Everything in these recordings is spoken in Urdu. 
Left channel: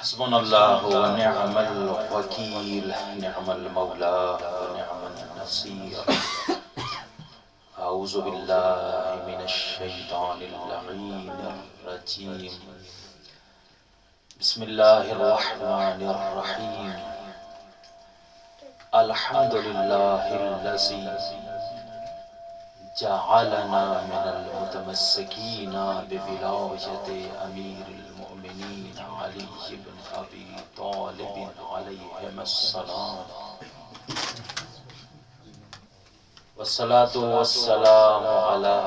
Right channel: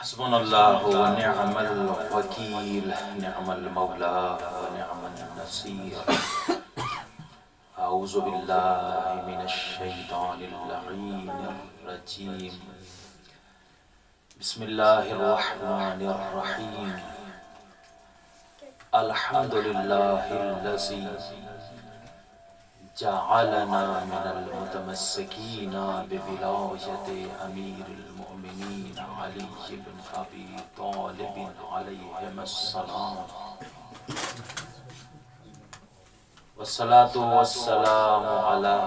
حسبنا الله ونعم الوكيل، نعم المولى ونعم النصير. أعوذ بالله من الشيطان اللعين الرجيم. بسم الله الرحمن الرحيم. الحمد لله الذي جعلنا من المتمسكين بولاية أمير المؤمنين علي بن أبي طالب عليهم السلام، والصلاة والسلام على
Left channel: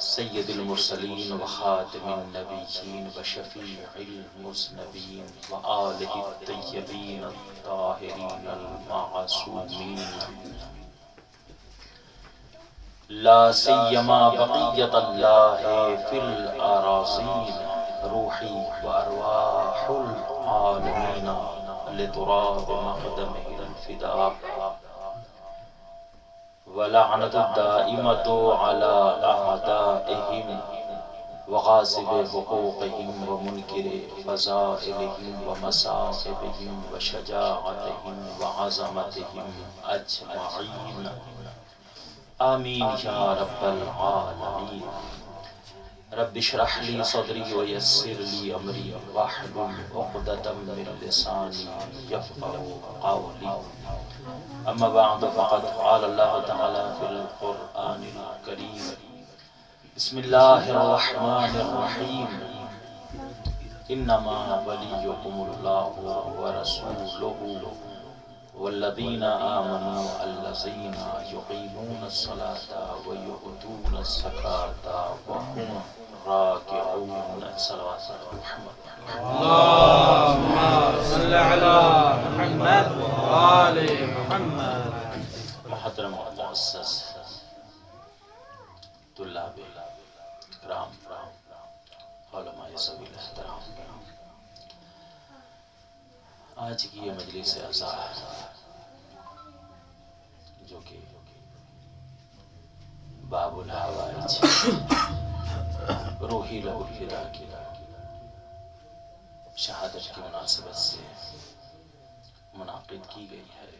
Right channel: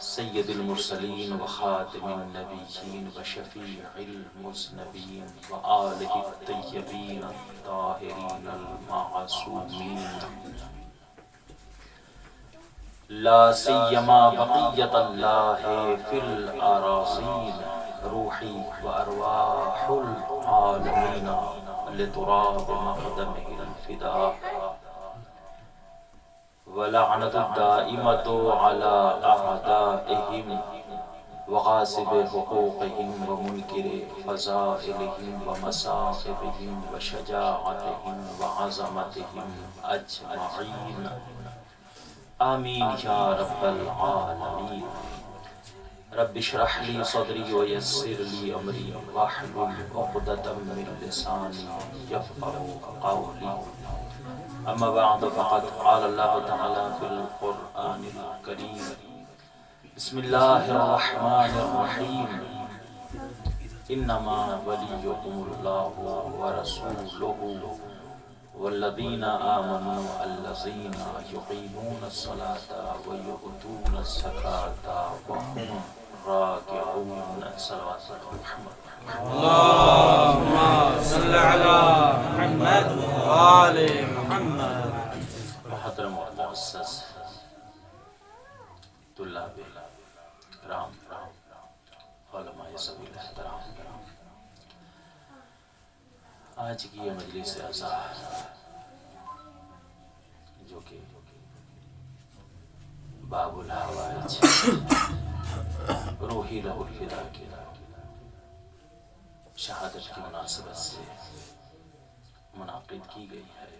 سيد المرسلين وخاتم النبيين وشفيع المذنبين وآله الطيبين الطاهرين المعصومين، لا سيما بقية الله في الأراضين، روحي وأرواح العالمين لتراب مقدمه الفداء، ولعنة الدائمة على أعدائهم وغاصب حقوقهم ومنكر فضائلهم ومصائبهم وشجاعتهم وعظمتهم أجمعين، آمین یا رب العالمین۔ رب اشرح لي صدری ويسر لي امری واحلل عقدۃ من لسانی یفقهوا قولی، اما بعد فقد قال الله تعالی فی القرآن الکریم، بسم اللہ الرحمن الرحیم، انما ولیکم اللہ ورسولہ والذین آمنوا الذین یقیمون الصلاة ویؤتون الزکاة وهم راکعون۔ صلوات محمد۔ اللهم صل على محمد وآل محمد۔ محترم و معزز طلاب کرام، علماء ذوی الاحترام، آج کی یہ مجلس عزا جو کہ باب الحوائج روحی لہ الفدا کی شہادت کی مناسبت سے منعقد کی گئی ہے،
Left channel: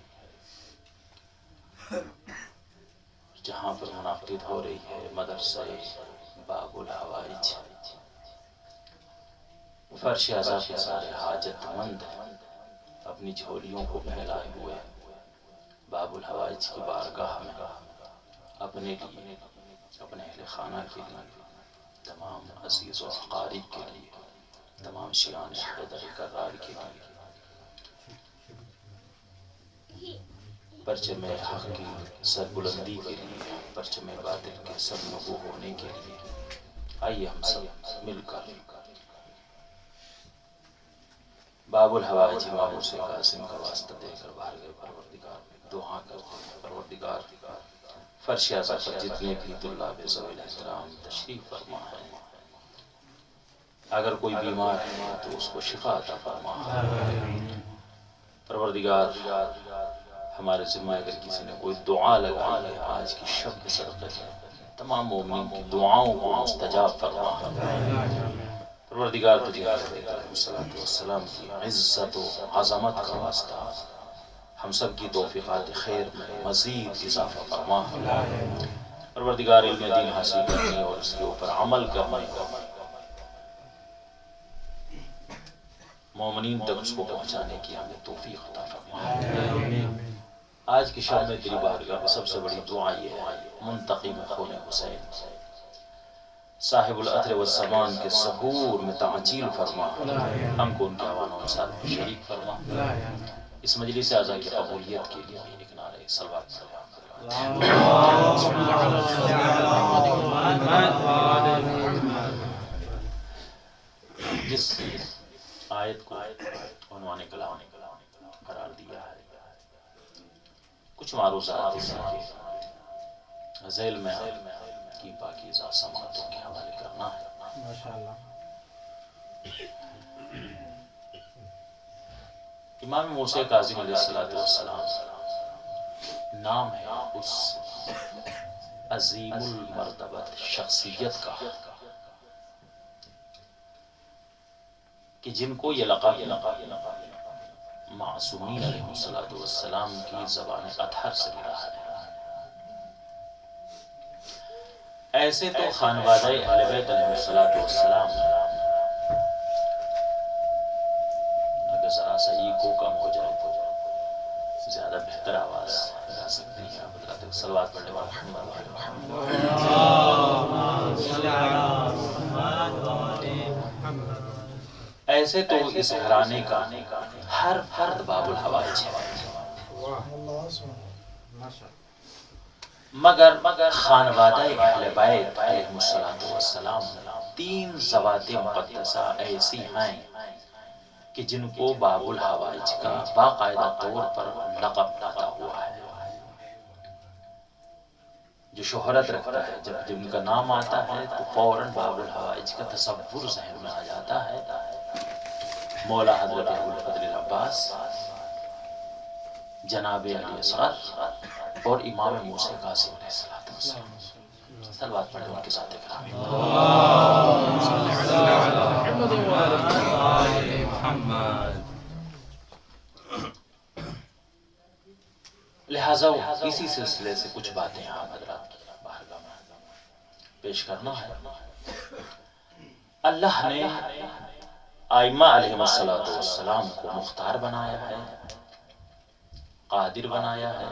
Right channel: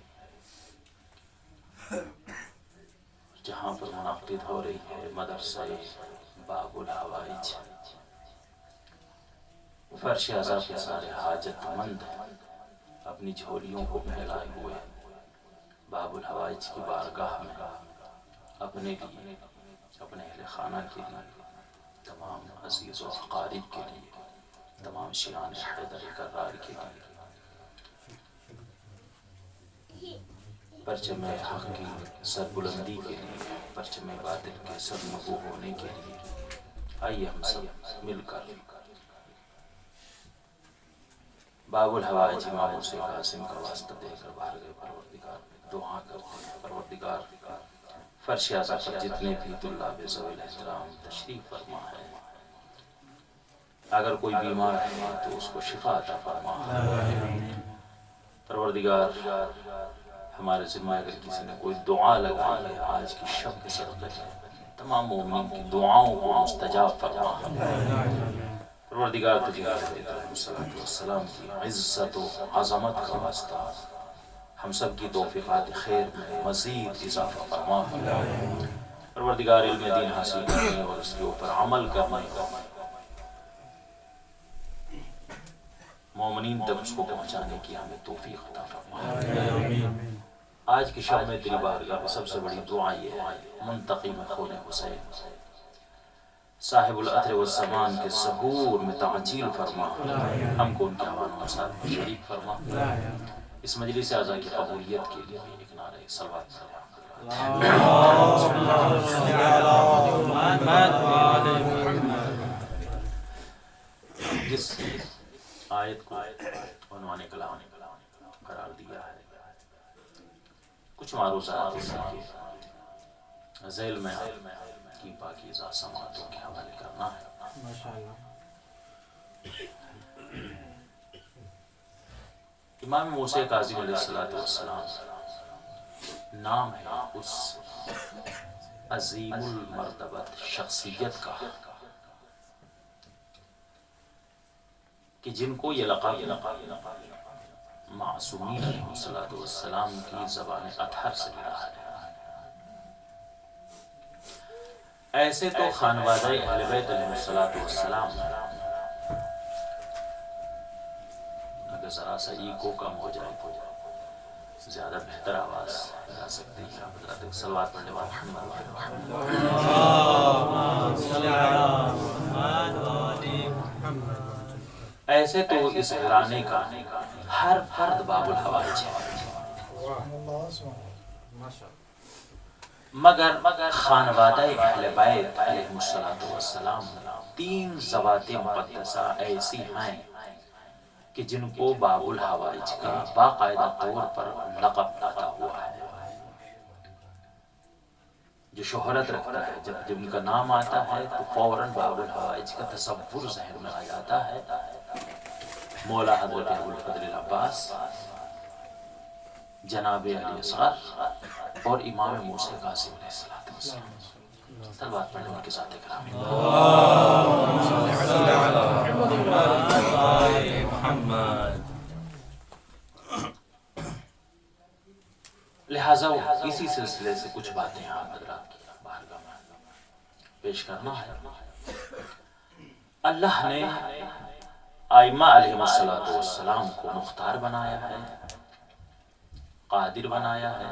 جہاں پر منعقد ہو رہی ہے مدرسہ باب الحوائج۔ فرش عزا کے سارے حاجت مند اپنی جھولیوں کو پھیلائے ہوئے باب الحوائج کی بارگاہ میں اپنے لیے، اپنے اہل خانہ کے لیے، تمام عزیز و اقارب کے لیے، تمام شیعان حیدر کرار کے لیے، پرچم حق کی سربلندی کے لیے، پرچم باطل کے سرنگو ہونے کے لیے، آئیے ہم سب مل کر باب الحوائج امام حسین قاسم کا واسطہ دے کر بارگاہ پروردگار دعا کرتے ہیں۔ پروردگار فرش عزا پر جتنے بھی طلاب ذوی الاحترام تشریف فرما ہے، اگر کوئی بیمار ہے تو اس کو شفا عطا فرما۔ پروردگار ہمارے ذمہ اگر کسی نے کوئی دعا لگائی ہے آج کی شب کے صدقے تمام مومنین کی دعاؤں کو مستجاب فرما۔ پروردگار تجھے علیہ السلام کی عزت و عظمت کا واسطہ ہم سب کی توفیقات خیر میں مزید اضافہ فرما۔ پروردگار علم دین حاصل کرنے اور اس کے اوپر عمل کرنے کا مومنین تک اس کو پہنچانے کی ہمیں توفیق عطا فرما۔ آج کی شب میں تیری بارگاہ میں سب سے بڑی دعا یہ ہے، منتقم خون حسین صاحب العطر والزمان کے ظہور میں تعجیل فرما، ہم کو ان کے عوانوں کے ساتھ شریک فرما۔ اس مجلس اعزا کی قبولیت کے لیے ایک نعرہ صلوات جس آیت کو عنوان کلام قرار دیا ہے، کچھ معروضات اس کے ذیل میں کی پاکیزہ سماعتوں کے حوالے کرنا ہے۔ ماشاءاللہ۔ امام موسیٰ کاظم علیہ السلام نام ہے اس عظیم المرتبت شخصیت کا کہ جن کو یہ لقب معصومین علیہ السلام کی زبان اطہر سے ملا ہے. ایسے تو خانوادہ اہل بیت علیہ السلام اگر ذرا سا ایکو کم ہو جائے تو زیادہ بہتر آواز آ سکتی ہے. آپ حضرات صلوات پڑھنے والے ایسے تو اس گھرانے کا ہر فرد باب الحوائج ہے، مگر خانوادہ اہل بیت علیہ السلام تین ذوات مقدسہ ایسی ہیں کہ جن کو باب الحوائج کا باقاعدہ طور پر لقب عطا ہوا ہے. جو شہرت رکھتا ہے، جب ان کا نام آتا ہے تو فوراً باب الحوائج کا تصور ذہن میں آ جاتا ہے. مولا حضرت ابوالفضل العباس، جناب علی اصغر اور امام موسیٰ قاسم علیہ السلام. صلوات پڑھیں ان کے ساتھ کرام. لہٰذا اسی سلسلے سے کچھ باتیں آپ حضرات کی بارگاہ میں پیش کرنا ہے. اللہ نے ائمہ علیہ السلام کو مختار بنایا ہے، قادر بنایا ہے،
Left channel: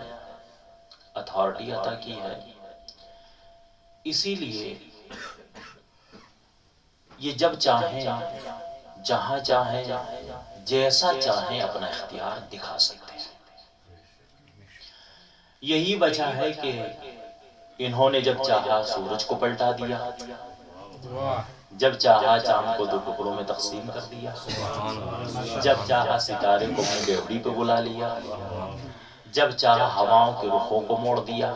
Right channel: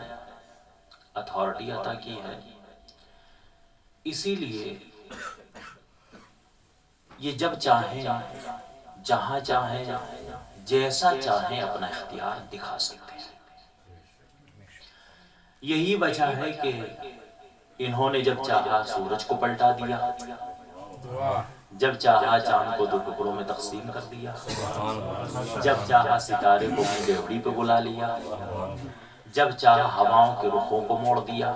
اتھارٹی عطا کی ہے. اسی لیے یہ جب چاہیں، جہاں چاہیں، جیسا چاہیں اپنا اختیار دکھا سکتے ہیں. یہی وجہ ہے کہ انہوں نے جب چاہا سورج کو پلٹا دیا، جب چاہا چاند کو 2 ٹکڑوں میں تقسیم کر دیا، جب چاہا ستارے کو اپنی گھڑی پہ بلا لیا، جب چاہا ہواؤں کے رخوں کو موڑ دیا،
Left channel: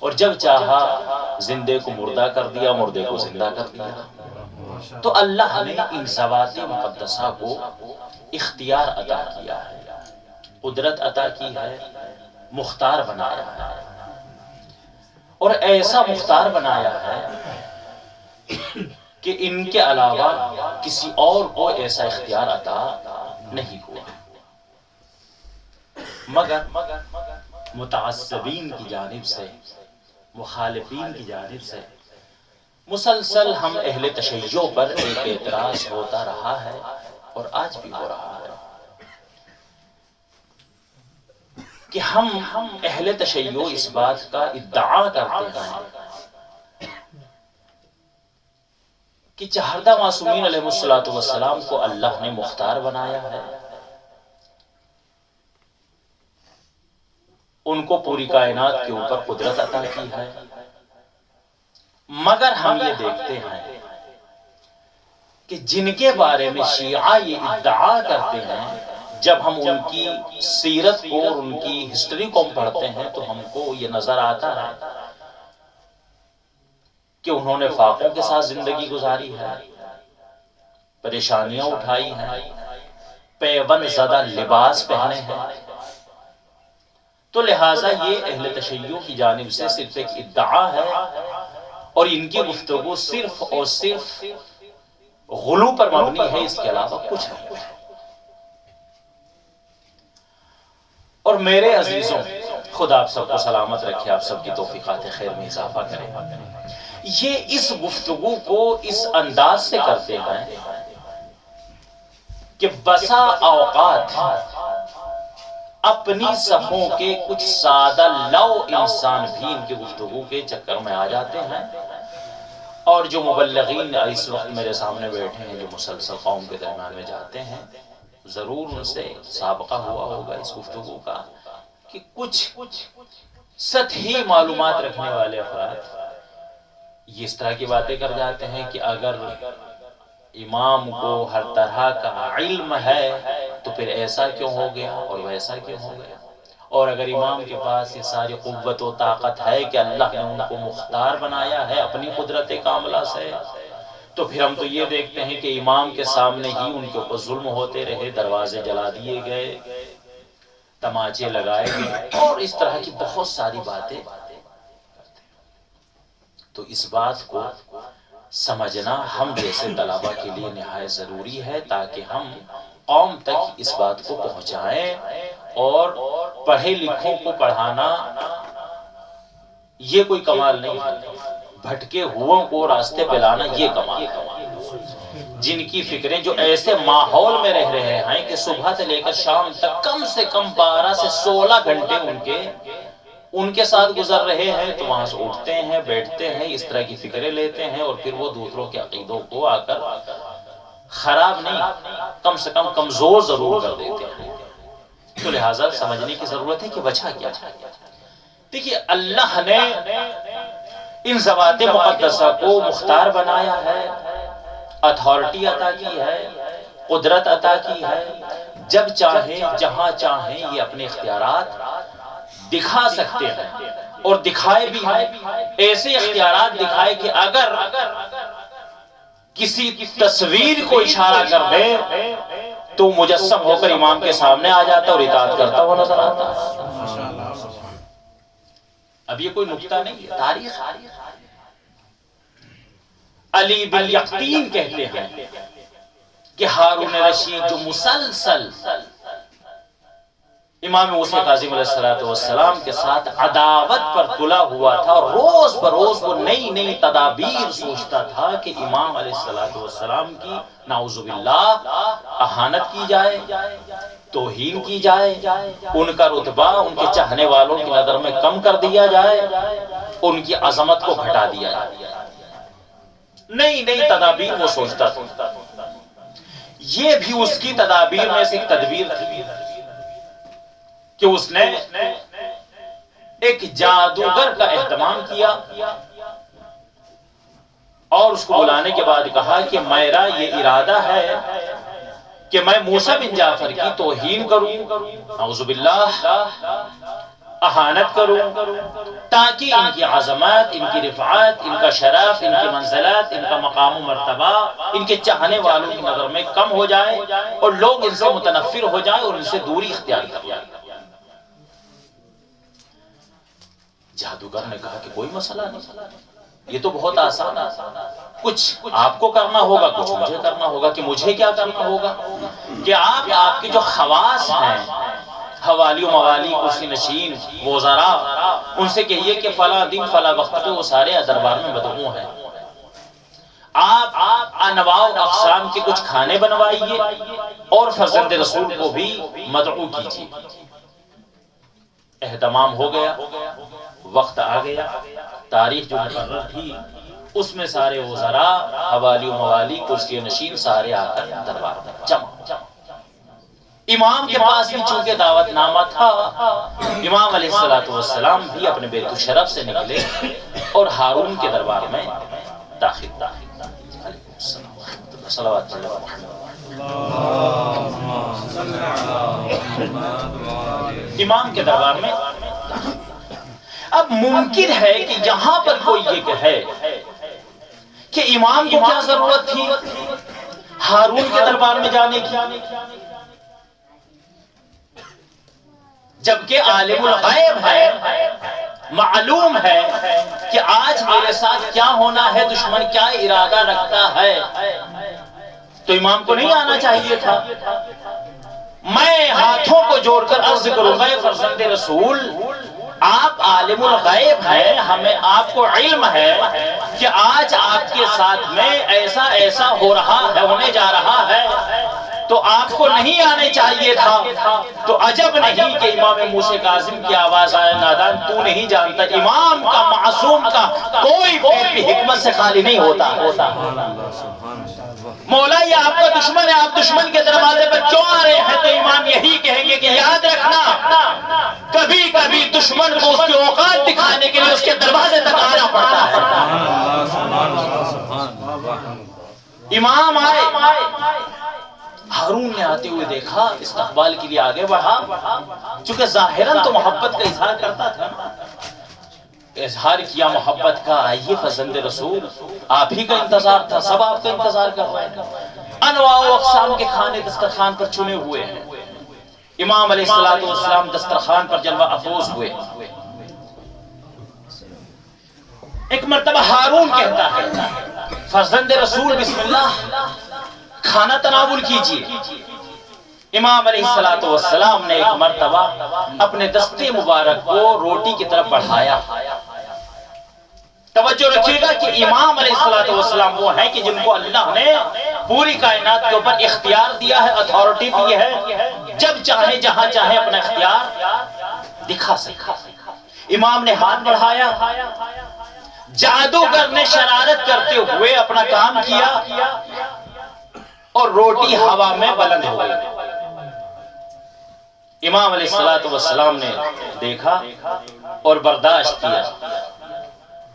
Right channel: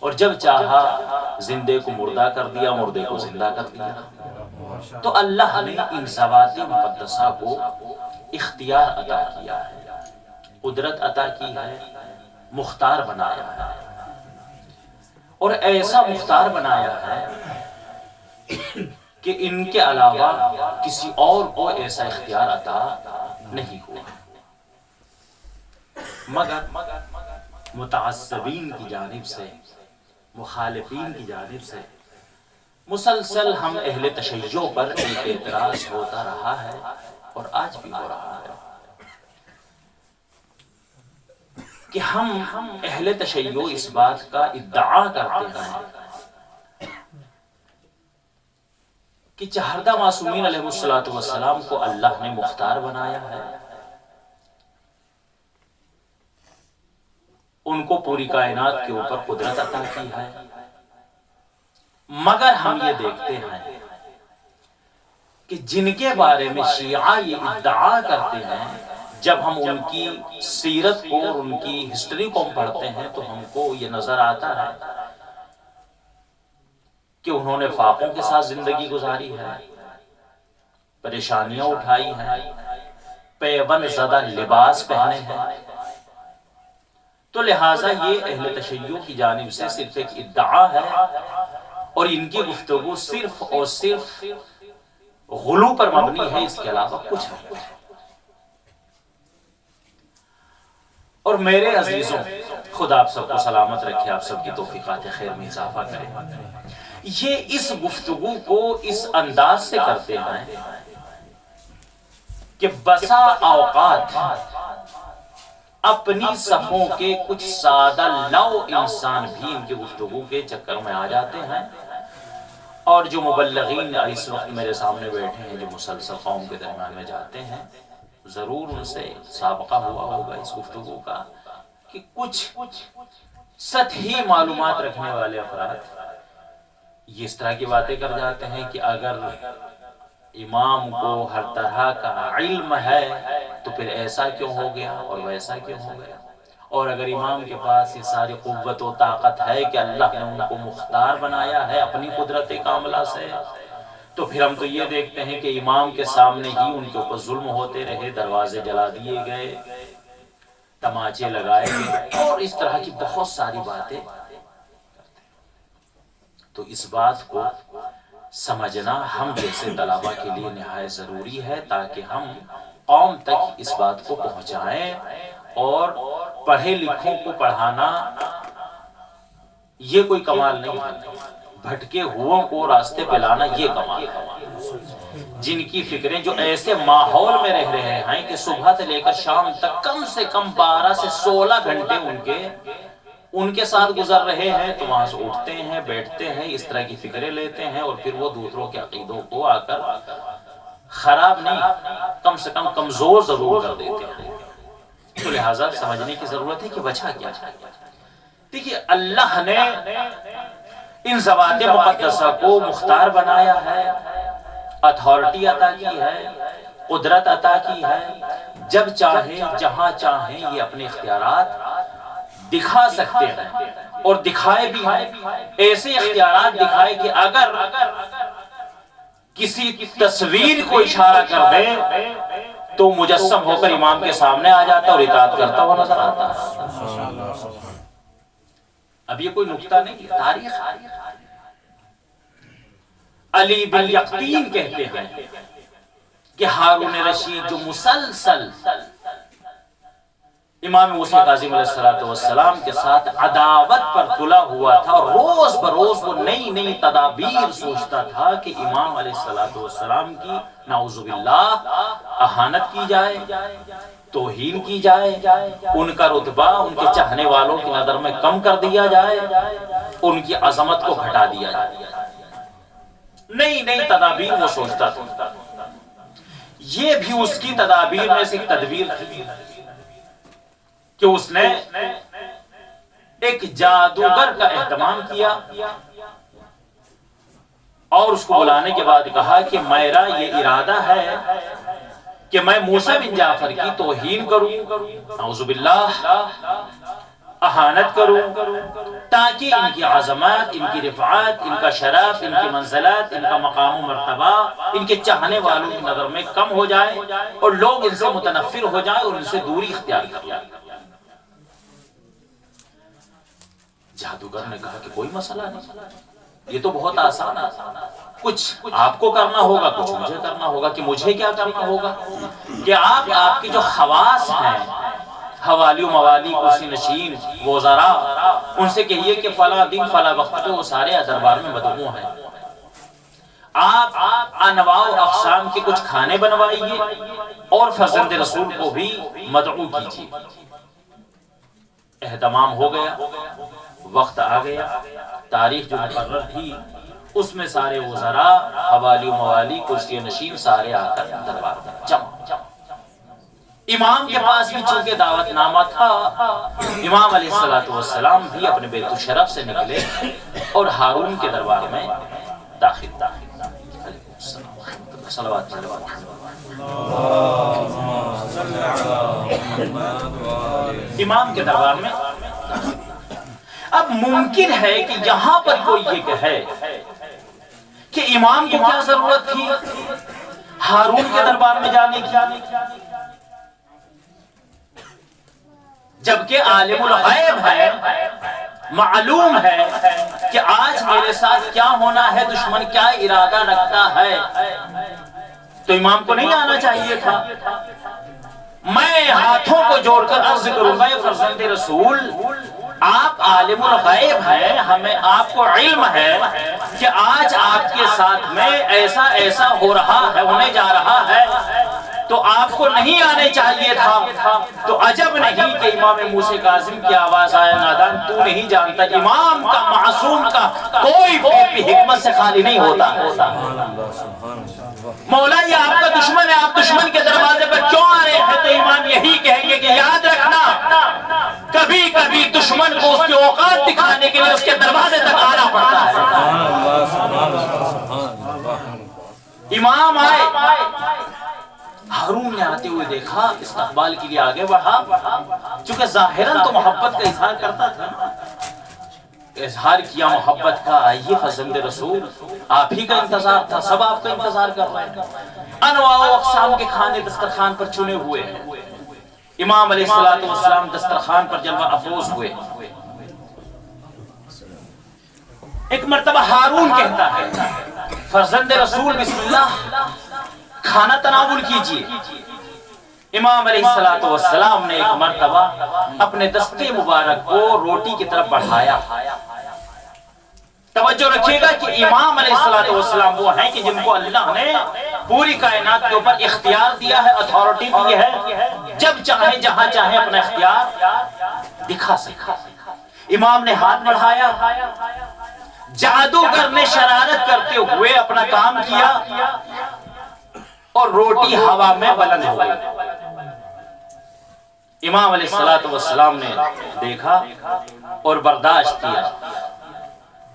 اور جب چاہا زندے کو مردہ کر دیا، مردے کو زندہ کر دیا. تو اللہ نے ان ذوات مقدسہ کو اختیار عطا کیا ہے، قدرت عطا کی ہے، مختار بنایا ہے. اور ایسا مختار بنایا ہے کہ ان کے علاوہ کسی اور کو ایسا اختیار عطا نہیں ہوا. مگر متعصبین کی جانب سے، مخالفین کی جانب سے مسلسل ہم اہل تشیع پر ایک اعتراض ہوتا رہا ہے اور آج بھی ہو رہا ہے کہ ہم اہل تشیع اس بات کا ادعا کرتے ہیں کہ چہردہ معصومین علیہ السلام کو اللہ نے مختار بنایا ہے، ان کو پوری کائنات کے اوپر قدرت عطا کی ہے. مگر ہم یہ دیکھتے ہیں کہ جن کے بارے میں شیعہ یہ ادعا کرتے ہیں، جب ہم ان کی سیرت کو اور ان کی ہسٹری کو پڑھتے ہیں تو ہم کو یہ نظر آتا ہے کہ انہوں نے فاقوں کے ساتھ زندگی گزاری ہے، پریشانیاں اٹھائی ہیں، پیون زدہ لباس پہنے ہیں. تو لہٰذا یہ اہل تشیع کی جانب سے صرف ایک ادعا ہے اور ان کی گفتگو صرف اور صرف غلو پر مبنی ہے، اس کے علاوہ کچھ نہیں. اور میرے عزیزوں، خدا آپ سب کو سلامت رکھے، آپ سب کی توفیقات خیر میں اضافہ کرے. یہ اس گفتگو کو اس انداز سے کرتے ہیں کہ بسا اوقات اپنی صفوں کے کچھ سادہ لو انسان بھی ان کی گفتگو کے چکر میں آ جاتے ہیں، اور جو مبلغین اس وقت میرے سامنے بیٹھے ہیں جو مسلسل قوم کے درمیان میں جاتے ہیں، ضرور ان سے سابقہ ہوا ہوگا اس گفتگو کا کہ کچھ سطحی معلومات رکھنے والے افراد یہ اس طرح کی باتیں کر جاتے ہیں کہ اگر امام کو ہر طرح کا علم ہے تو پھر ایسا کیوں ہو گیا اور ویسا کیوں ہو گیا، اور اگر امام کے پاس یہ ساری قوت و طاقت ہے کہ اللہ نے ان کو مختار بنایا ہے اپنی قدرت کاملہ سے، تو پھر ہم تو یہ دیکھتے ہیں کہ امام کے سامنے ہی ان کے اوپر ظلم ہوتے رہے، دروازے جلا دیے گئے، تماچے لگائے گئے اور اس طرح کی بہت ساری باتیں. تو اس بات کو سمجھنا ہم جیسے طلباء کے لیے نہایت ضروری ہے، تاکہ ہم قوم تک اس بات کو پہنچائیں، اور پڑھے لکھوں کو پڑھانا یہ کوئی کمال نہیں ہے، بھٹکے ہوئوں کو راستے پہ لانا یہ کمال ہے، جن کی فکریں جو ایسے ماحول میں رہ رہے ہیں کہ صبح سے لے کر شام تک کم سے کم 12 سے 16 گھنٹے ان کے ساتھ گزر رہے ہیں، تو وہاں سے اٹھتے ہیں، بیٹھتے ہیں، اس طرح کی فکریں لیتے ہیں، اور پھر وہ دوسروں کے عقیدوں کو آ کر خراب نہیں، کم سے کم کمزور ضرور کر دیتے ہیں۔ تو لہٰذا سمجھنے کی ضرورت ہے کہ وجہ کیا ہے۔ دیکھیے اللہ نے ان ذوات مقدسہ کو مختار بنایا ہے، اتھارٹی عطا کی ہے، قدرت عطا کی ہے، جب چاہیں جہاں چاہیں یہ اپنے اختیارات دکھا سکتے ہیں، اور دکھائے بھی ہیں۔ ایسے اختیارات دکھائے کہ اگر کسی تصویر کو اشارہ کر دے تو مجسم ہو کر امام کے سامنے آ جاتا اور اطاعت کرتا ہوا نظر آتا۔ اب یہ کوئی نکتہ نہیں ہے، تاریخ۔ علی بن یقطین کہتے ہیں کہ ہارون رشید جو مسلسل امام موسیٰ کاظم علیہ السلام کے ساتھ عداوت پر تلا ہوا تھا، روز بروز وہ نئی نئی تدابیر سوچتا تھا کہ امام علیہ السلام کی نعوذ باللہ اہانت کی جائے، توہین کی جائے، ان کا رتبہ ان کے چاہنے والوں کی نظر میں کم کر دیا جائے، ان کی عظمت کو گھٹا دیا جائے۔ نئی نئی تدابیر وہ سوچتا تھا۔ یہ بھی اس کی تدابیر میں سے ایک تدبیر تھی کہ اس نے ایک جادوگر کا اہتمام کیا، اور اس کو بلانے کے بعد کہا کہ میرا یہ ارادہ ہے کہ میں موسیٰ بن جعفر کی توہین کروں، اعوذ باللہ اہانت کروں، تاکہ ان کی عظمت، ان کی رفعت، ان کا شرف، ان کی منزلت، ان کا مقام و مرتبہ ان کے چاہنے والوں کی نظر میں کم ہو جائے، اور لوگ ان سے متنفر ہو جائیں اور ان سے دوری اختیار کر لیں۔ جادوگر نے کہا کہ کوئی مسئلہ نہیں، یہ تو بہت آسان ہے، کچھ آپ کو کرنا ہوگا، کچھ مجھے کرنا ہوگا۔ کہ مجھے کیا کرنا ہوگا؟ کہ آپ کی جو خواص ہیں، حوالی و موالی، کرسی نشین، وزراء، ان سے کہیے کہ فلاں دن فلاں وقت پہ وہ سارے دربار میں مدعو ہیں، آپ انواع و اقسام کے کچھ کھانے بنوائیے، اور فرزند رسول کو بھی مدعو کیجیے۔ اہتمام ہو گیا، وقت آ گیا، تاریخ جو مقرر تھی اس میں سارے وزراء، حوالی و موالی، کرسی نشین سارے آ کر دربار میں جمع۔ امام کے پاس بھی چونکہ دعوت نامہ تھا، امام علیہ السلام بھی اپنے بیت الشرف سے نکلے اور ہارون کے دربار میں داخل۔ صلوات امام کے دربار میں۔ اب ممکن ہے کہ یہاں پر کوئی یہ کہے کہ امام کو کیا ضرورت تھی ہارون کے دربار میں جانے کی، جبکہ عالم الغیب ہے، معلوم ہے کہ آج میرے ساتھ کیا ہونا ہے، دشمن کیا ارادہ رکھتا ہے، تو امام کو نہیں آنا چاہیے تھا۔ میں ہاتھوں کو جوڑ کر عرض کروں گا، فرزند رسول آپ عالم الغیب ہیں، ہمیں آپ کو علم ہے کہ آج آپ کے ساتھ میں ایسا ایسا ہو رہا ہے، ہونے جا رہا ہے، تو آپ کو نہیں آنے چاہیے تھا۔ تو عجب نہیں کہ امام موسیٰ کاظم کی آواز آئے، نادان تو نہیں جانتا امام کا، معصوم کا کوئی پیر بھی حکمت سے خالی نہیں ہوتا۔ مولا یہ آپ کا دشمن ہے، آپ دشمن کے دروازے پر کیوں آ رہے ہیں؟ تو امام یہی کہیں گے کہ یاد رکھنا، کبھی کبھی دشمن کو اس کی اوقات دکھانے کے لیے اس کے دروازے تک آنا پڑتا ہے۔ امام آئے، ہارون نے آتے ہوئے دیکھا، استقبال کے لیے آگے بڑھا، چونکہ ظاہراً تو محبت کا اظہار کرتا تھا، اظہار کیا محبت کا، آئیے فرزند رسول، آپ ہی کا انتظار تھا، سب آپ کا انتظار کر رہے ہیں۔ انواع و اقسام کے کھانے دسترخوان پر چنے ہوئے ہیں، امام علیہ السلام دسترخوان پر جلوہ افروز ہوئے۔ ایک مرتبہ ہارون کہتا ہے فرزند رسول بسم اللہ کھانا تناول کیجئے۔ امام علیہ السلام نے ایک مرتبہ اپنے دستے مبارک کو روٹی کی طرف بڑھایا۔ توجہ رکھیے گا کہ امام علیہ السلام وہ ہیں کہ جن کو اللہ نے پوری کائنات کے اوپر اختیار دیا ہے، اتھارٹی دی ہے، جب چاہے جہاں چاہے اپنا اختیار دکھا سکے۔ امام نے ہاتھ بڑھایا، جادوگر نے شرارت کرتے ہوئے اپنا کام کیا اور روٹی ہوا میں بلند ہو گئی۔ امام علیہ السلام نے دیکھا اور برداشت کیا،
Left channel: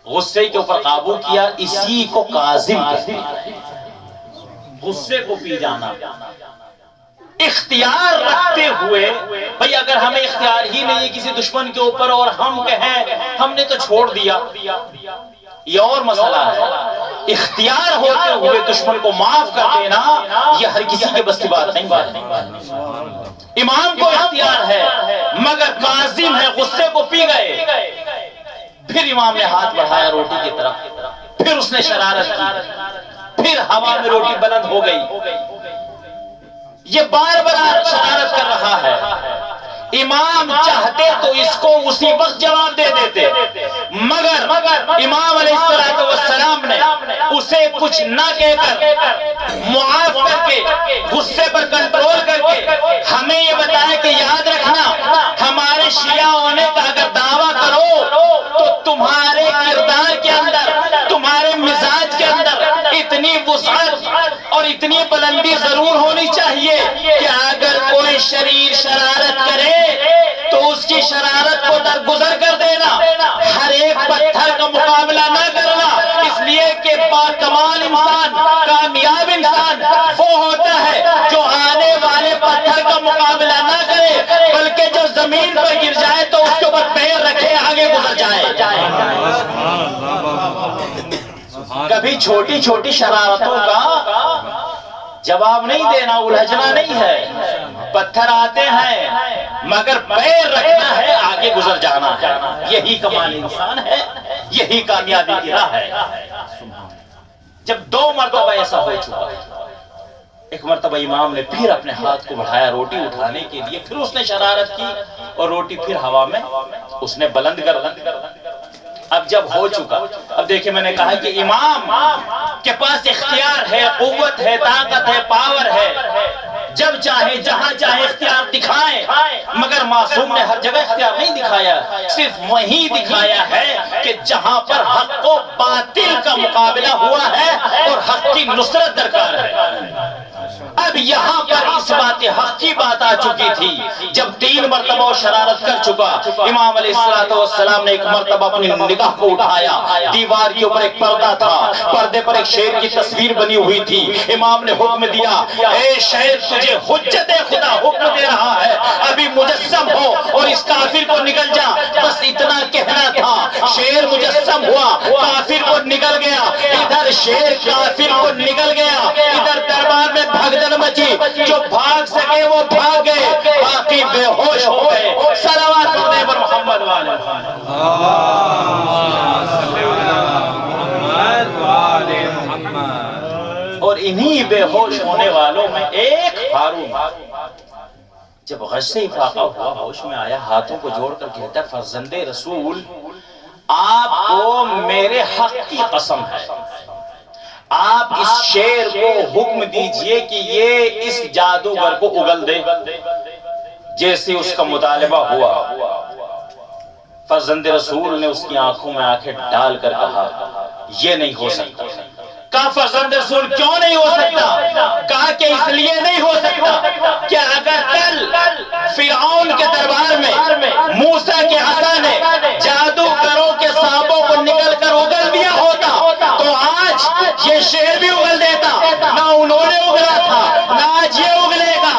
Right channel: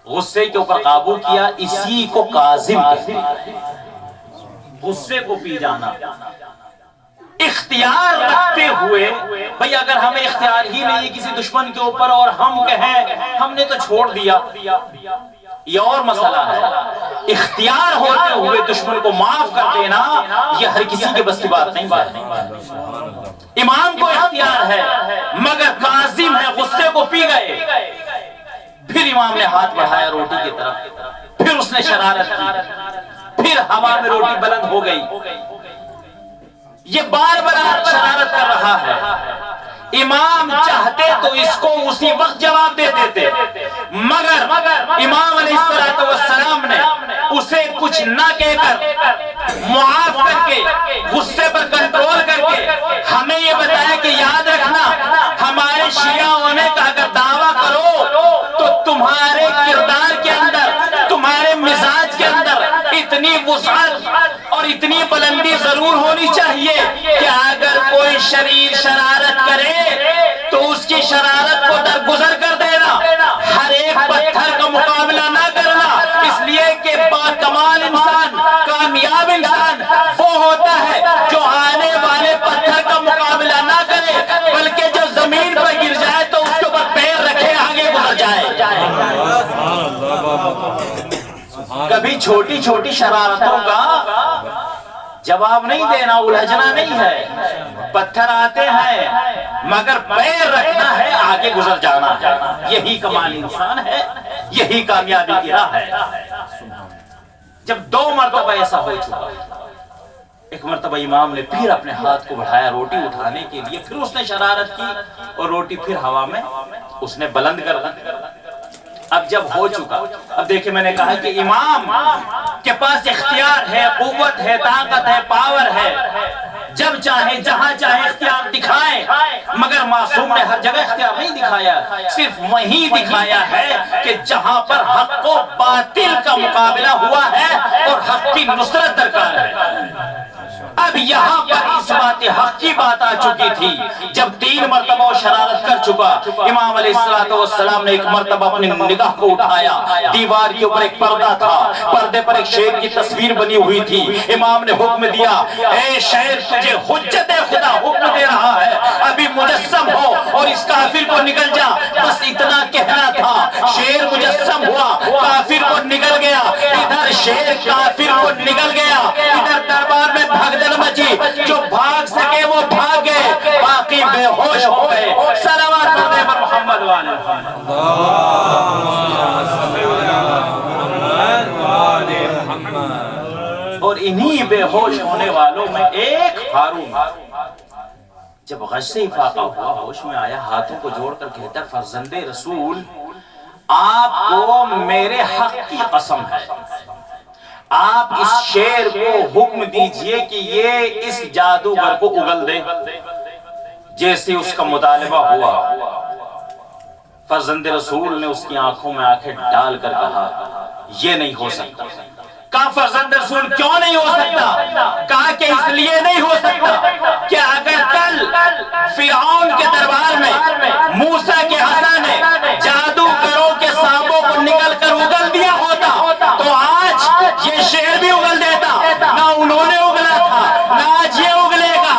غصے کے اوپر قابو کیا۔ اسی کو کاظم کہتے ہیں، غصے کو پی جانا۔ اختیار رکھتے ہوئے، بھئی اگر ہمیں اختیار ہی نہیں ہے کسی دشمن کے اوپر اور ہم کہیں ہم نے تو چھوڑ دیا، یہ اور مسئلہ ہے۔ اختیار ہوتے ہوئے دشمن کو معاف کر دینا یہ ہر کسی کے بس کی بات نہیں ہے۔ امام کو اختیار ہے مگر کاظم ہے، غصے کو پی گئے۔ پھر امام نے ہاتھ بڑھایا روٹی کی طرف، پھر اس نے شرارت کی، پھر ہوا میں روٹی بلند ہو گئی۔ یہ بار بار شرارت کر رہا ہے۔ امام چاہتے تو اس کو اسی وقت جواب دے دیتے، مگر امام علیہ السلام نے اسے کچھ نہ کہہ کر معاف کر کے، غصے پر کنٹرول کر کے ہمیں یہ بتایا کہ یاد رکھنا ہمارے شیعہ ہونے کا اگر دعویٰ کرو تو تمہارے کردار کے اندر، تمہارے مزاج کے اندر اتنی وسعت اور اتنی بلندی ضرور ہونی چاہیے کہ اگر کوئی شریر شرارت کرے تو اس کی شرارت کو درگزر کر دینا، ہر ایک پتھر کا مقابلہ نہ کرنا، اس لیے کہ باکمال انسان، کامیاب انسان وہ ہوتا ہے جو آنے والے پتھر کا مقابلہ نہ کرے بلکہ جو زمین پر گر جائے تو اس کے اوپر پیر رکھے آگے گزر جائے۔ کبھی چھوٹی چھوٹی شرارتوں کا جواب نہیں دینا، الجھنا نہیں ہے۔ پتھر آتے ہیں مگر پیر رکھنا ہے، آگے گزر جانا ہے۔ یہی کمال انسان ہے، یہی کامیابی کی راہ ہے۔ جب 2 مرتبہ ایسا ہو چکا، ایک مرتبہ امام نے پھر اپنے ہاتھ کو بڑھایا روٹی اٹھانے کے لیے، پھر اس نے شرارت کی اور روٹی پھر ہوا میں اس نے بلند کر دی۔ اب جب ہو چکا، اب دیکھیں میں نے کہا کہ امام کے پاس اختیار ہے، قوت ہے، طاقت ہے، پاور ہے، جب چاہے جہاں چاہے اختیار دکھائے، مگر معصوم نے ہر جگہ اختیار نہیں دکھایا، صرف وہیں دکھایا ہے کہ جہاں پر حق و باطل کا مقابلہ ہوا ہے اور حق کی نصرت درکار ہے۔ اب یہاں پر اس بات حق کی بات آ چکی تھی، جب 3 مرتبہ وہ شرارت کر چکا، امام علیہ السلام نے ایک مرتبہ اپنی نگاہ کو اٹھایا، دیوار کے اوپر ایک پردہ تھا، پردے پر ایک شیر کی تصویر بنی ہوئی تھی۔ امام نے حکم دیا، اے شیر تجھے حجت خدا حکم دے رہا ہے، ابھی مجسم ہو اور اس کافر کو نگل جا، بس اتنا کہنا تھا۔ شیر مجسم ہوا، کافر کو نگل گیا، ادھر شیر کافر کو نگل گیا، ادھر دربار میں بھگدڑ مچی، جو بھاگ سکے وہ بھاگ گئے، باقی بے ہوش ہو گئے۔ صلوات پڑھنے پر محمد والے محمد، اللہم صلی علی محمد والے محمد۔ اور انہی بے ہوش ہونے والوں میں ایک ہارون، جب غش سے افاقہ ہوا، ہوش میں آیا، ہاتھوں کو جوڑ کر کہتا ہے فرزند رسول آپ کو میرے حق کی قسم ہے، آپ اس شیر کو حکم دیجئے کہ یہ اس جادوگر کو اگل دے۔ جیسے اس کا مطالبہ ہوا، فرزند رسول نے اس کی آنکھوں میں آنکھیں ڈال کر کہا یہ نہیں ہو سکتا۔ کہا فرزند رسول کیوں نہیں ہو سکتا؟ کہا کہ اس لیے نہیں ہو سکتا کہ اگر کل فرعون کے دربار میں موسیٰ کے عصا نے جادوگروں کے سانپوں کو نکل کر اگل دیا ہوتا تو آج یہ شیر بھی اگل دیتا، نہ انہوں نے اگلا تھا نہ آج یہ اگلے گا۔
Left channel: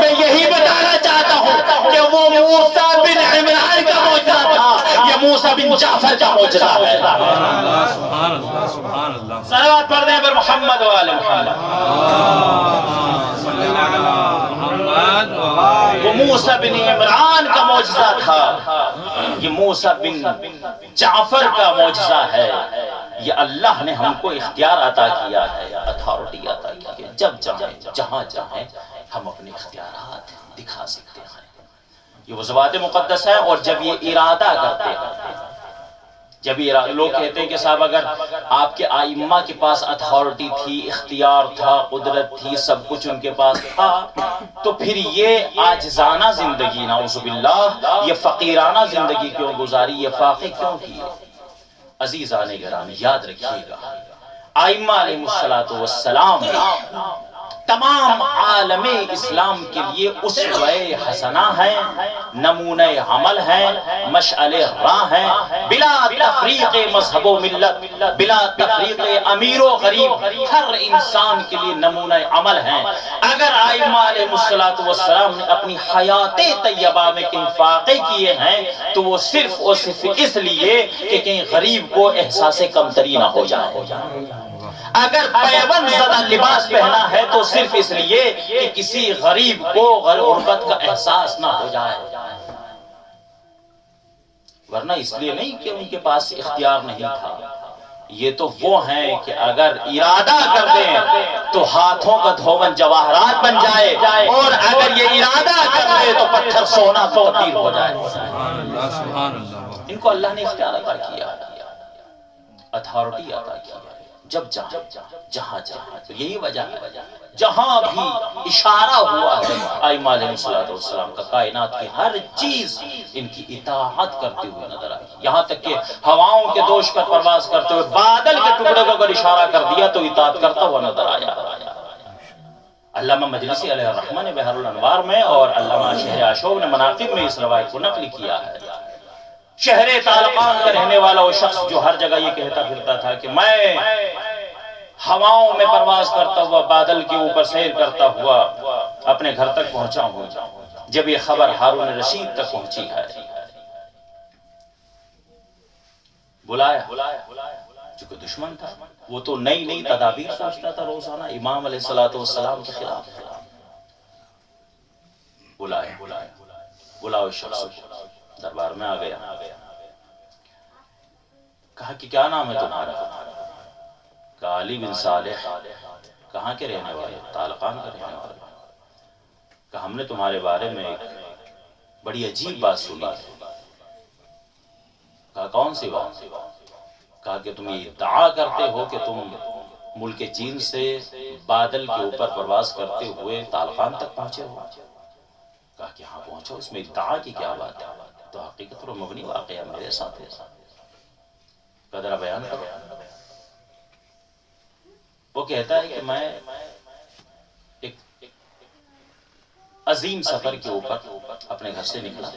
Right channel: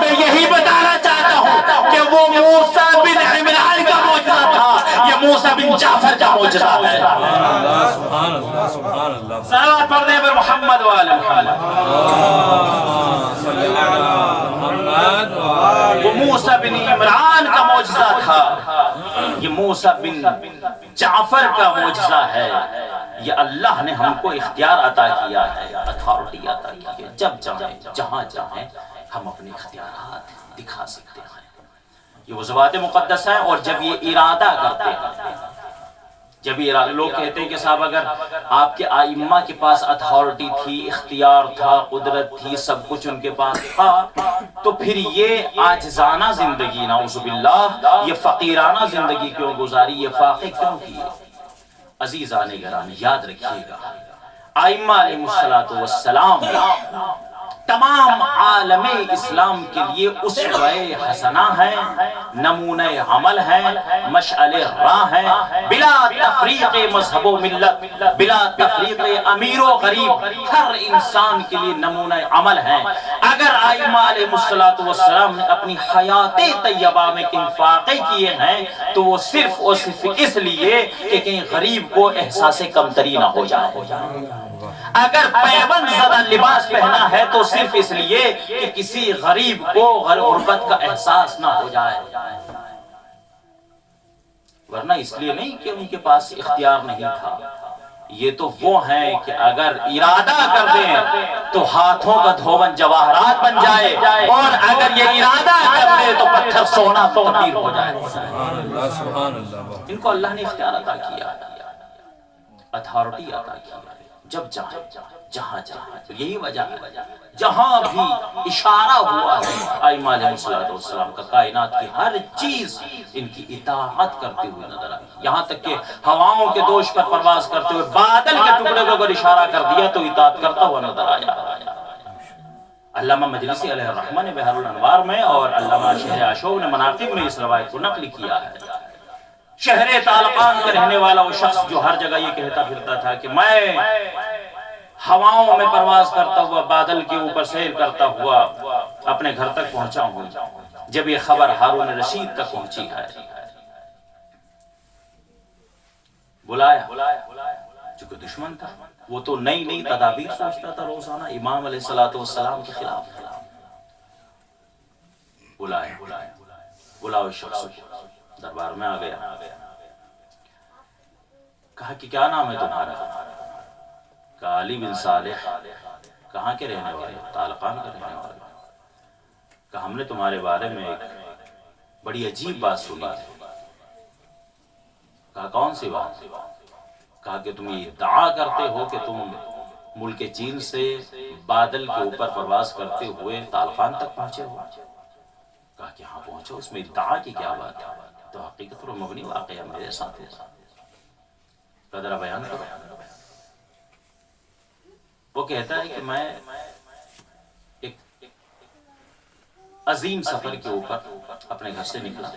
میں یہی بتانا چاہتا ہوں کہ وہ موسیٰ بن عمران کا معجزہ تھا، یہ موسیٰ بن جعفر کا معجزہ ہے۔ سبحان اللہ سبحان اللہ سبحان اللہ۔ صلوات پڑھ دیں پر محمد وآل محمد، صلی علی محمد وآل۔ وہ موسیٰ بن عمران کا معجزہ تھا، یہ موسیٰ بن جعفر کا معجزہ ہے۔ یہ اللہ نے ہم کو اختیار عطا کیا ہے، اتھارٹی عطا کی ہے، جب چاہیں جہاں چاہیں ہم اپنے اختیارات دکھا سکتے ہیں۔ یہ وہ ذوات مقدس ہے، اور جب یہ ارادہ کرتے ہیں، جب یہ لوگ کہتے ہیں کہ صاحب اگر آپ کے ائمہ کے پاس اتھارٹی تھی، اختیار تھا، قدرت تھی، سب کچھ ان کے پاس تھا، تو پھر یہ عاجزانہ زندگی، نعوذ باللہ، یہ فقیرانہ زندگی کیوں گزاری، یہ فاقے کیوں کیے؟ عزیزان گرامی یاد رکھیے گا، ائمہ علیہ السلام تمام عالم اسلام کے لیے اسوہ حسنہ ہے، نمونہ عمل ہے، مشعل راہ ہے، بلا تفریق مذہب و ملت، بلا تفریق امیر و غریب، ہر انسان کے لیے نمونہ عمل ہے۔ اگر ائمہ علیہ السلام نے اپنی حیات طیبہ میں انفاق کیے ہیں تو وہ صرف اور صرف اس لیے کہ کہیں غریب کو احساس کمتری نہ ہو جائے۔ اگر پیوند زدہ لباس پہنا ہے تو صرف اس لیے کہ کسی غریب کو غربت کا احساس نہ ہو جائے، ورنہ اس لیے نہیں کہ ان کے پاس اختیار نہیں تھا۔ یہ تو وہ ہیں کہ اگر ارادہ کر دیں تو ہاتھوں کا دھون جواہرات بن جائے، اور اگر یہ ارادہ کر دے تو پتھر سونا تبدیل ہو جائے۔ سبحان اللہ، سبحان اللہ۔ ان کو اللہ نے اختیار عطا کیا، اتھارٹی عطا کیا، جب چاہے جہاں چاہے۔ تو یہی وجہ ہے جہاں بھی اشارہ ہوا ہے ائمہ علیہ السلام کا، کائنات کی ہر چیز ان کی اطاعت کرتے ہوئے نظر آئی، یہاں تک کہ ہواؤں کے دوش پر پرواز کرتے ہوئے بادل کے ٹکڑے کو اگر اشارہ کر دیا تو اطاعت کرتا ہوا نظر آیا۔ علامہ مجلسی علیہ الرحمہ نے بحر الانوار میں اور علامہ شہر عاشور نے مناقب میں اس روایت کو نقل کیا ہے۔ شہر طالقان کا رہنے والا وہ شخص جو ہر جگہ یہ کہتا پھرتا تھا کہ میں ہواؤں میں پرواز کرتا ہوا، بادل کے اوپر سیر کرتا ہوا اپنے گھر تک پہنچا ہوں، جب یہ خبر ہارون رشید تک پہنچی ہے، بلایا، چونکہ دشمن تھا وہ تو نئی نئی تدابیر سوچتا تھا روزانہ امام علیہ السلام کے خلاف۔ بلاؤ اس شخص کو، دربار میں آ گیا، کہا کہ کیا نام ہے تمہارا؟ کہا علی بن صالح۔ کہاں کے رہنے والے؟ طالقان کے رہنے والے۔ کہا ہم نے تمہارے بارے میں ایک بڑی عجیب بات سنی ہے۔ کہا کون سی بات؟ کہا کہ تم یہ ادعا کرتے ہو کہ تم ملک چین سے بادل کے اوپر پرواز کرتے ہوئے طالقان تک پہنچے ہو۔ کہا کہ ہاں پہنچا، اس میں ادعا کی کیا بات ہے؟ تو حقیقت اور مبنی واقعہ میرے ساتھ ہے، قدرہ بیان کرو۔ وہ کہتا ہے کہ میں ایک عظیم سفر کے اوپر اپنے گھر سے نکلا،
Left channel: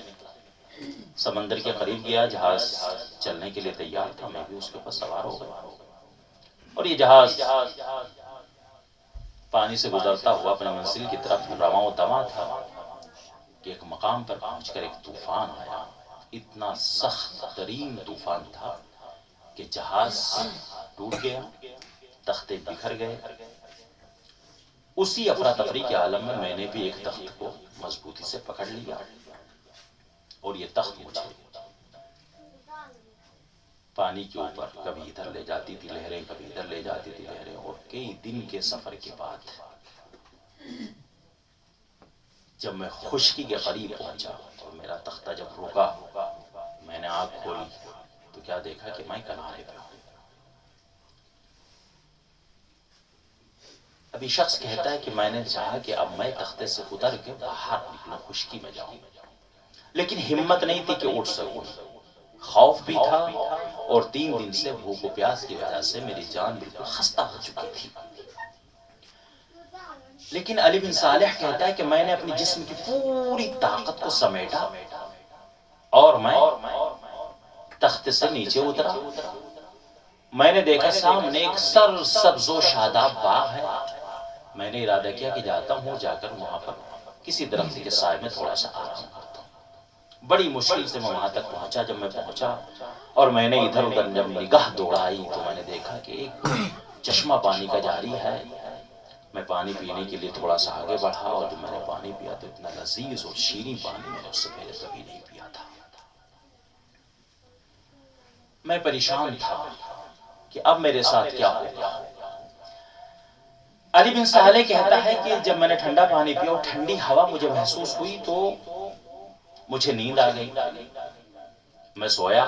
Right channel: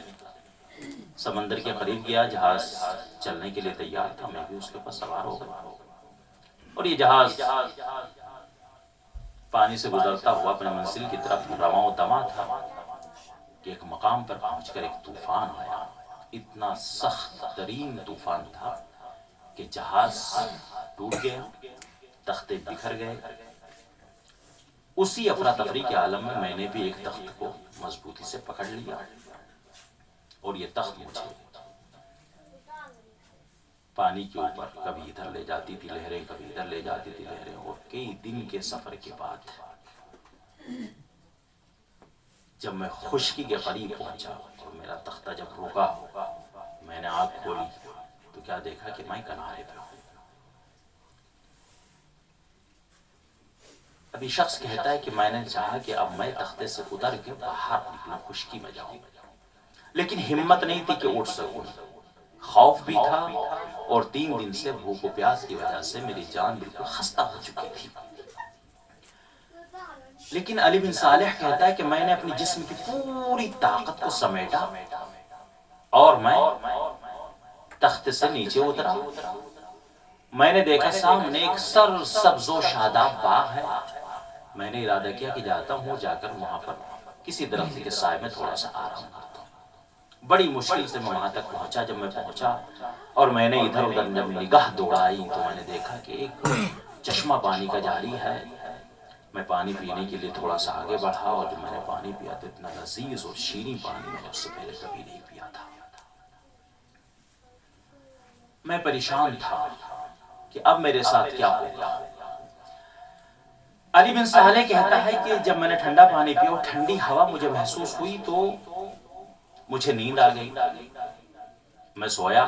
سمندر کے قریب گیا، جہاز چلنے کے لیے تیار تھا، میں بھی اس کے اوپر سوار ہو گیا، اور یہ جہاز پانی سے گزرتا ہوا اپنے منزل کی طرف رواں و دواں تھا کہ ایک مقام پر پہنچ کر ایک طوفان آیا، اتنا سخت ترین طوفان تھا کہ جہاز ٹوٹ گیا، تختے بکھر گئے۔ اسی افراتفری کے عالم میں میں نے بھی ایک تخت کو مضبوطی سے پکڑ لیا، اور یہ تخت مجھے پانی کے اوپر کبھی ادھر لے جاتی تھی لہریں، کبھی ادھر لے جاتی تھی لہریں، اور کئی دن کے سفر کے بعد جب میں خشکی کے قریب پہنچا اور میرا تختہ جب رکا، میں نے آنکھ کھولی تو کیا دیکھا کہ میں کنارے پہ ہوں۔ ابھی شخص کہتا ہے کہ میں نے چاہا کہ اب میں تختے سے اتر کے باہر نکلوں، خشکی میں جاؤں، لیکن ہمت نہیں تھی کہ اٹھ سکوں، خوف بھی تھا، اور 3 دن سے بھوک و پیاس کی وجہ سے میری جان بالکل خستہ ہو چکی تھی۔ لیکن علی بن صالح کہتا ہے کہ میں نے اپنی جسم کی پوری طاقت کو سمیٹا اور میں تخت سے نیچے اترا۔ میں نے دیکھا سامنے ایک سرسبز و شاداب باغ ہے، میں نے ارادہ کیا کہ جاتا ہوں، جا کر وہاں پر کسی درخت کے سائے میں تھوڑا سا آرام کرتا ہوں۔ بڑی مشکل سے میں وہاں تک پہنچا۔ جب میں پہنچا اور میں نے ادھر ادھر جب نگاہ دوڑائی تو میں نے دیکھا کہ ایک چشمہ پانی کا جاری ہے۔ میں پانی پینے کے لیے تھوڑا سا آگے بڑھا، اور جب میں نے پانی پیا تو اتنا لذیذ اور شیریں پانی میں نے اس سے پہلے کبھی نہیں پیا تھا۔ میں پریشان تھا، کہ اب میرے ساتھ کیا ہوگا۔ علی بن صالح کہتا ہے کہ جب میں نے ٹھنڈا پانی پیا اور ٹھنڈی ہوا مجھے محسوس ہوئی تو مجھے نیند آ گئی، میں سویا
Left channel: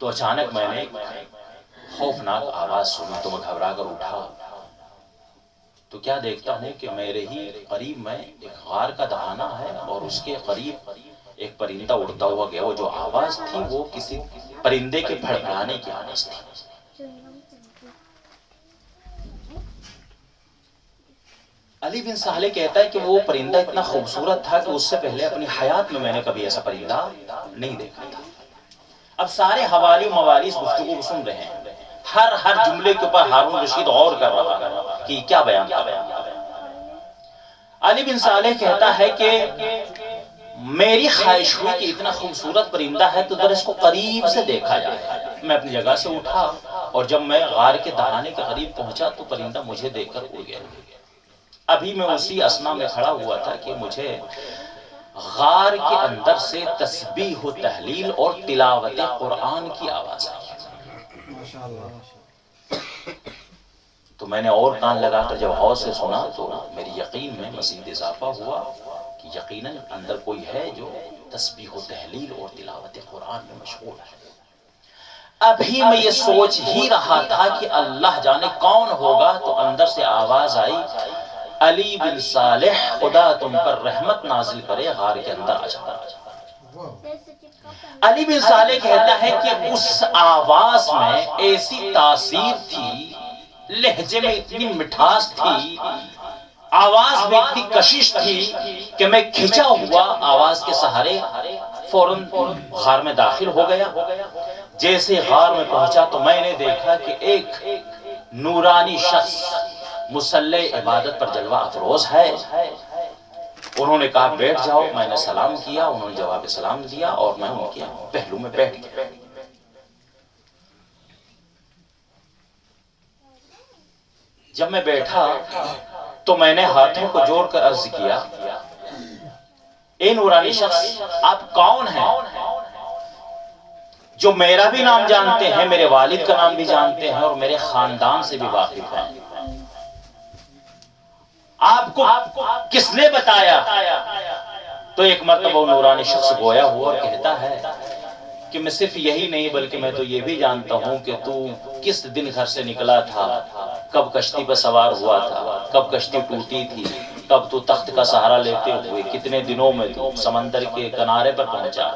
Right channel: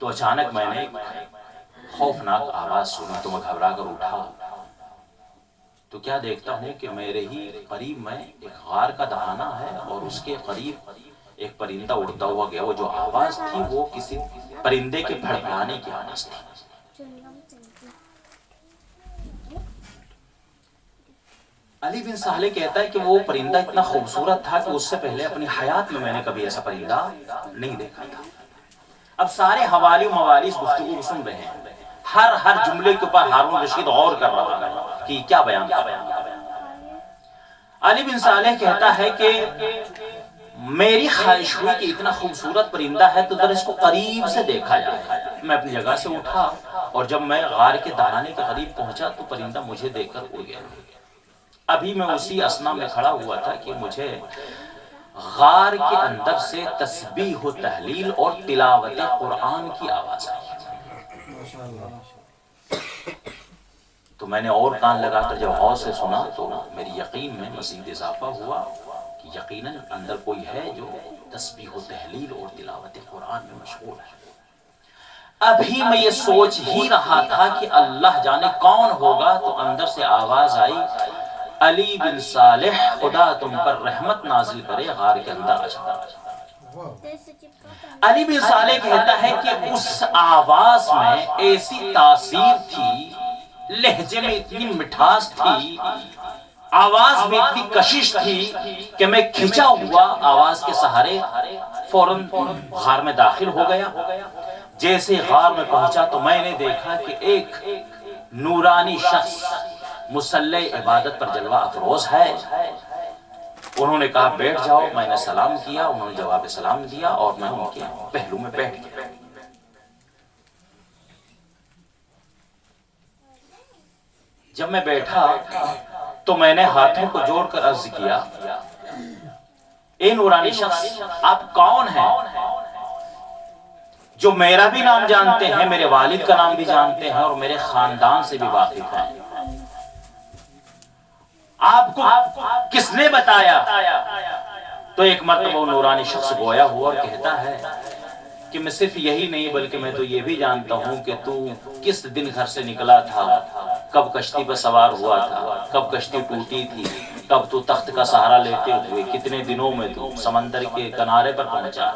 تو اچانک میں نے خوفناک آواز سنی تو میں گھبرا کر اٹھا تو کیا دیکھتا ہوں کہ میرے ہی قریب میں ایک غار کا دہانہ ہے اور اس کے قریب ایک پرندہ اڑتا ہوا گیا۔ وہ جو آواز تھی وہ کسی پرندے کے پھڑپھڑانے کی آواز تھی۔ علی بن صالح کہتا ہے کہ وہ پرندہ اتنا خوبصورت تھا کہ اس سے پہلے اپنی حیات میں نے کبھی ایسا پرندہ نہیں دیکھا تھا۔ اب سارے حوالی و موالی اس گفتگو کو سن رہے ہیں، ہر جملے کے اوپر ہارون رشید غور کر رہا ہے کہ کیا بیان کر رہا ہے۔ علی بن صالح کہتا ہے کہ میری خواہش ہوئی کہ اتنا خوبصورت پرندہ ہے تو ذرا اس کو قریب سے دیکھا جائے۔ میں اپنی جگہ سے اٹھا اور جب میں غار کے دہانے کے قریب پہنچا تو پرندہ مجھے دیکھ کر اڑ گیا۔ ابھی میں اسی اسنا میں کھڑا ہوا تھا کہ مجھے غار کے اندر سے تسبیح و تحلیل اور تلاوت قرآن کی آواز آئی۔ تو میں نے اور کان لگا کر جب غور سے سنا تو میری یقین میں مزید اضافہ ہوا کہ یقیناً اندر کوئی ہے جو تسبیح و تحلیل اور تلاوت قرآن میں مشغول ہے۔ ابھی میں یہ سوچ ہی رہا تھا کہ اللہ جانے کون ہوگا تو اندر سے آواز آئی، علی بن صالح خدا تم پر رحمت نازل کرے، غار کے اندر آ جاتا۔ علی بن صالح کہتا ہے کہ اس آواز میں ایسی تاثیر تھی، لہجے میں اتنی مٹھاس تھی، آواز میں اتنی کشش تھی کہ میں کھچا ہوا آواز کے سہارے فوراً غار میں داخل ہو گیا۔ جیسے غار میں پہنچا تو میں نے دیکھا کہ ایک نورانی شخص مسلح عبادت پر جلوہ افروز ہے۔ انہوں نے کہا بیٹھ جاؤ، میں نے سلام کیا، انہوں نے جواب سلام دیا اور میں ان کے پہلو میں بیٹھ گیا۔ جب میں بیٹھا تو میں نے ہاتھوں کو جوڑ کر عرض کیا، اے نورانی شخص آپ کون ہیں جو میرا بھی نام جانتے ہیں، میرے والد کا نام بھی جانتے ہیں اور میرے خاندان سے بھی واقف ہیں؟ آپ کو کس نے بتایا؟ تو ایک مرتبہ وہ نورانی شخص گویا ہوا اور کہتا ہے کہ میں صرف یہی نہیں بلکہ میں تو یہ بھی جانتا ہوں کہ تو کس دن گھر سے نکلا تھا، کب کشتی پر سوار ہوا تھا، کب کشتی ٹوٹی تھی، کب تو تخت کا سہارا لیتے ہوئے کتنے دنوں میں تو سمندر کے کنارے پر پہنچا۔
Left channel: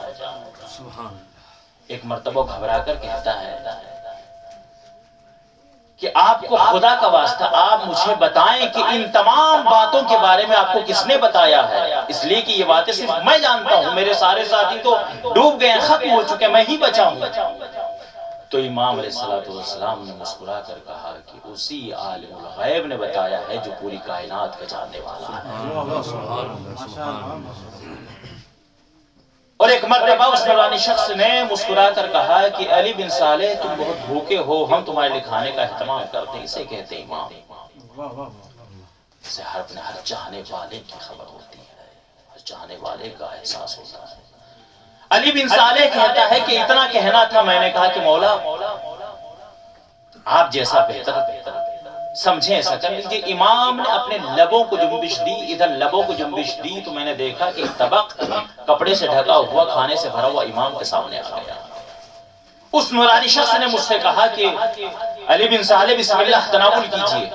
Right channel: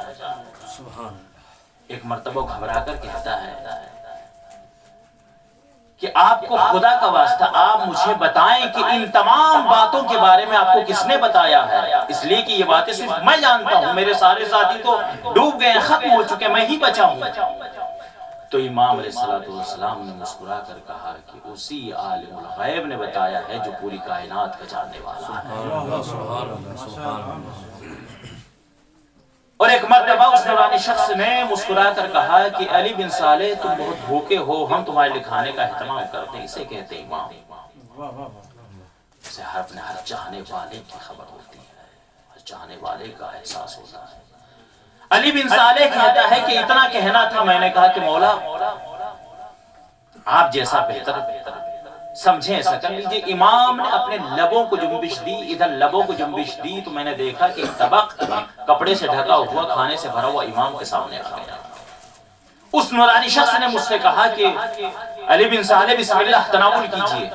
ایک مرتبہ گھبرا کر کہتا ہے کہ آپ کو خدا کا واسطہ آپ مجھے بتائیں کہ ان تمام باتوں کے بارے میں آپ کو کس نے بتایا ہے، اس لیے کہ یہ باتیں صرف میں جانتا ہوں، میرے سارے ساتھی تو ڈوب گئے، ختم ہو چکے، میں ہی بچا ہوں۔ تو امام علیہ السلام نے مسکرا کر کہا کہ اسی عالم الغیب نے بتایا ہے جو پوری کائنات کا جاننے والا ہے۔ سبحان اللہ، سبحان اللہ۔ اور ایک مرتبہ اس نورانی شخص نے مسکرا کر کہا کہ علی بن صالح تم بہت بھوکے ہو، ہم تمہارے لکھانے کا اہتمام کرتے ہیں۔ اسے کہتے ہیں امام، اسے ہر چاہنے والے کی خبر ہوتی ہے، ہر چاہنے والے کا احساس ہوتا ہے۔ علی بن صالح کہتا ہے کہ اتنا کہنا تھا، میں نے کہا کہ مولا آپ جیسا بہتر سمجھیں ایسا کر لیجئے۔ امام نے اپنے لبوں کو جنبش دی، ادھر لبوں کو جنبش دی تو میں نے دیکھا کہ طبق کپڑے سے ڈھکا ہوا کھانے سے بھرا ہوا امام کے سامنے آ گیا۔ اس نورانی شخص نے مجھ سے کہا کہ علی بن صالح بسم اللہ تناول کیجئے۔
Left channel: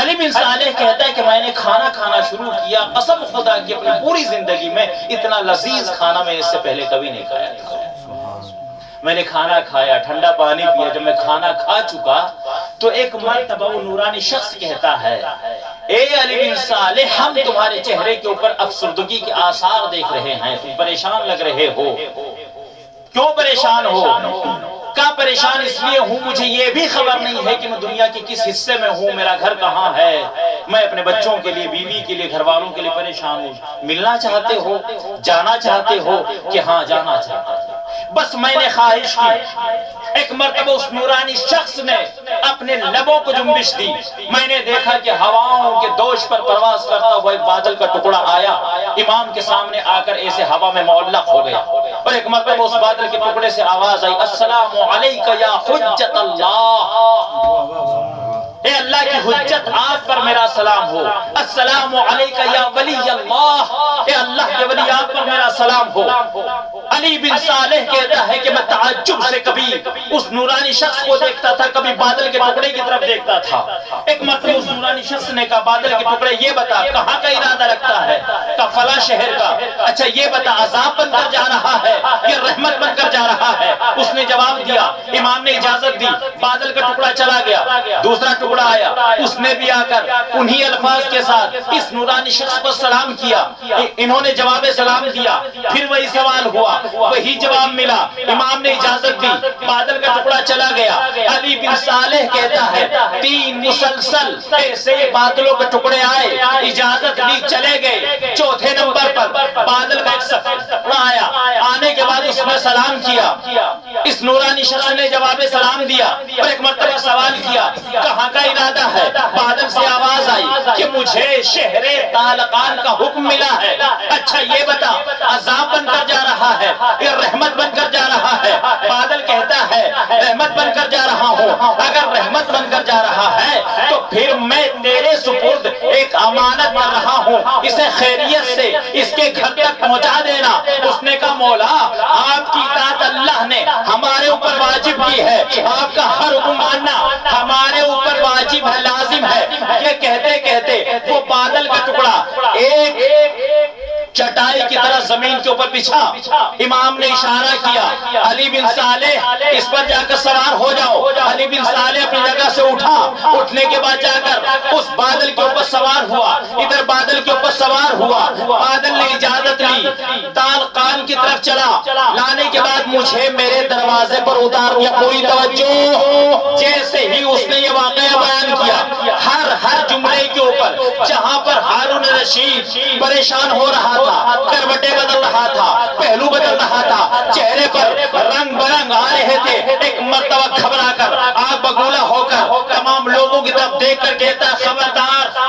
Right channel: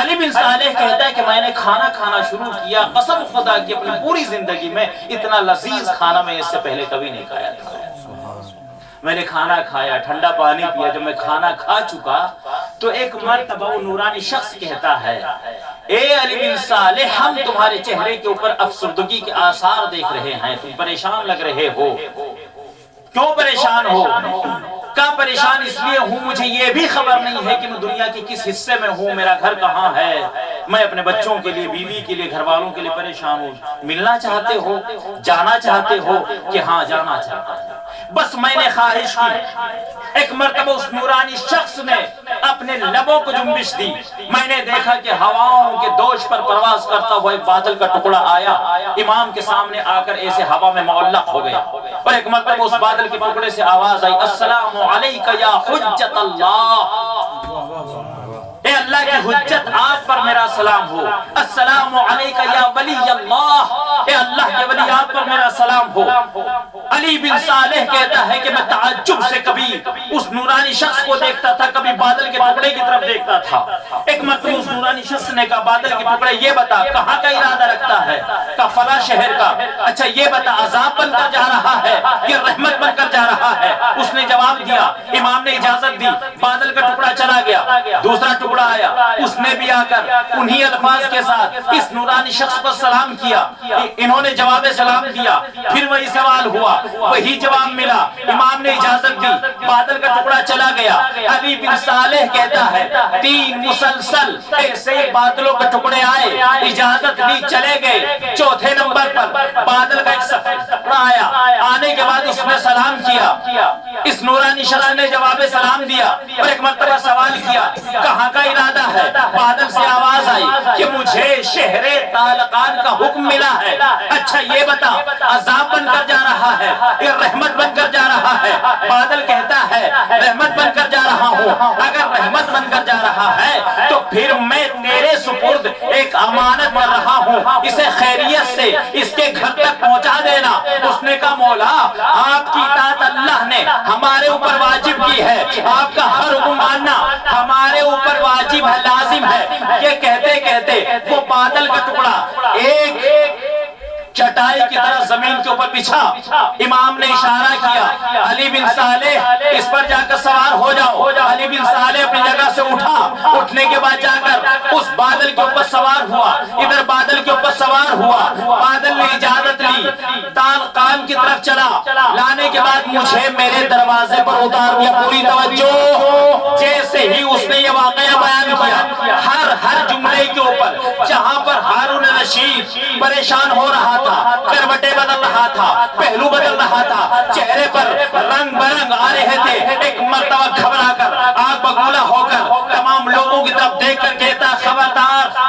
علی بن صالح کہتا ہے کہ میں نے کھانا کھانا شروع کیا، قسم خدا کی اپنی پوری زندگی میں اتنا لذیذ کھانا میں اس سے پہلے کبھی نہیں کھایا تھا۔ میں نے کھانا کھایا، ٹھنڈا پانی پیا، جب میں کھانا کھا چکا تو ایک مرتبہ وہ نورانی شخص کہتا ہے، اے علی بن صالح ہم تمہارے چہرے کے اوپر افسردگی کے آثار دیکھ رہے ہیں، تم پریشان لگ رہے ہو۔ کیوں پریشان ہو؟ کہا پریشان اس لیے ہوں مجھے یہ بھی خبر نہیں ہے کہ میں دنیا کے کس حصے میں ہوں، میرا گھر کہاں ہے، میں اپنے بچوں کے لیے، بیوی کے لیے، گھر والوں کے لیے پریشان ہوں۔ ملنا چاہتے ہو، جانا چاہتے ہو؟ کہ ہاں جانا چاہتا ہوں۔ بس میں نے خواہش کی۔ ایک مرتبہ اس نورانی شخص نے اپنے لبوں کو جنبش دی، میں نے دیکھا کہ ہواؤں کے دوش پر پرواز کرتا ہوا ایک بادل کا ٹکڑا آیا، امام کے سامنے آ کر ایسے ہوا میں معلق ہو گیا۔ اور ایک مرتبہ اس بادل کے ٹکڑے سے آواز آئی السلام علیکہ یا حجت اللہ، اے اللہ کی حجت آپ پر میرا سلام ہو، السلام علیکہ یا ولی اللہ، اے اللہ کے ولی آپ پر میرا سلام ہو۔ علی بن صالح کہتا ہے کہ میں تعجب سے کبھی اس نورانی شخص کو دیکھتا تھا، کبھی بادل کے ٹکڑے کی طرف دیکھتا تھا۔ ایک مرتبہ اس نورانی شخص نے کہا بادل کے ٹکڑے یہ بتا کہاں کا ارادہ رکھتا ہے؟ کہا فلاں شہر کا۔ اچھا یہ بتا عذاب بن کر جا رہا ہے یا رحمت بن کر جا رہا ہے؟ اس نے جواب دیا، امام نے اجازت دی، بادل کا ٹکڑا چلا گیا، دوسرا ٹکڑا آیا، اس نے بھی آ کر انہی الفاظ کے ساتھ اس نورانی شخص پر سلام کیا، انہوں نے جواب سلام دیا، پھر وہی سوال ہوا، وہی جواب ملا، امام نے اجازت دی، بادل کا ٹکڑا چلا گیا۔ علی بن صالح کہتا ہے 3 مسلسل ایسے بادلوں کے ٹکڑے آئے، اجازت دی، چلے گئے، چوتھے نمبر پر بادل کا ایک سفید ٹکڑا آیا، آنے کے بعد اس نے سلام کیا، اس نورانی شخص نے جواب سلام دیا اور ایک مرتبہ سوال کیا کہاں کا ارادہ ہے؟ بادل سے آواز آئی کہ مجھے شہر طالقان کا حکم ملا ہے۔ اچھا یہ بتا عذاب بن کر جا رہا ہے یا رحمت بن کر جا رہا ہے؟ بادل کہتا ہے رحمت بن کر جا رہا ہوں، اگر رحمت بن کر جا رہا ہے تو پھر میں تیرے سپرد ایک امانت کر رہا ہوں، اسے خیریت سے اس کے گھر تک پہنچا دینا۔ اس نے کہا مولا آپ کی اطاعت اللہ نے ہمارے اوپر واجب کی ہے، آپ کا ہر حکم ماننا ہمارے اوپر واجب ہے، لازم ہے۔ یہ کہتے کہتے وہ بادل کا ٹکڑا ایک چٹائی کی طرح زمین کے اوپر بچھا، امام نے اشارہ کیا علی بن صالح اس پر جا کر سوار ہو جاؤ۔ علی بن صالح اپنی جگہ سے اٹھا، اٹھنے کے بعد جا کر اس بادل کے اوپر سوار ہوا، ادھر بادل کے اوپر سوار ہوا، بادل نے اجازت لی، طالقان کی طرف چلا، لانے کے بعد مجھے میرے دروازے پر اتار دیا۔ پوری توجہ، جیسے ہی اس نے یہ واقعہ بیان کیا ہر جملے کے اوپر جہاں پر ہارون رشید پریشان ہو رہا تھا، کروٹیں بدل رہا تھا، پہلو بدل رہا تھا، چہرے پر رنگ برنگ آ رہے تھے، ایک مرتبہ گھبرا کر آگ بگولا ہو کر تمام لوگوں کی طرف دیکھ کر کہتا خبردار،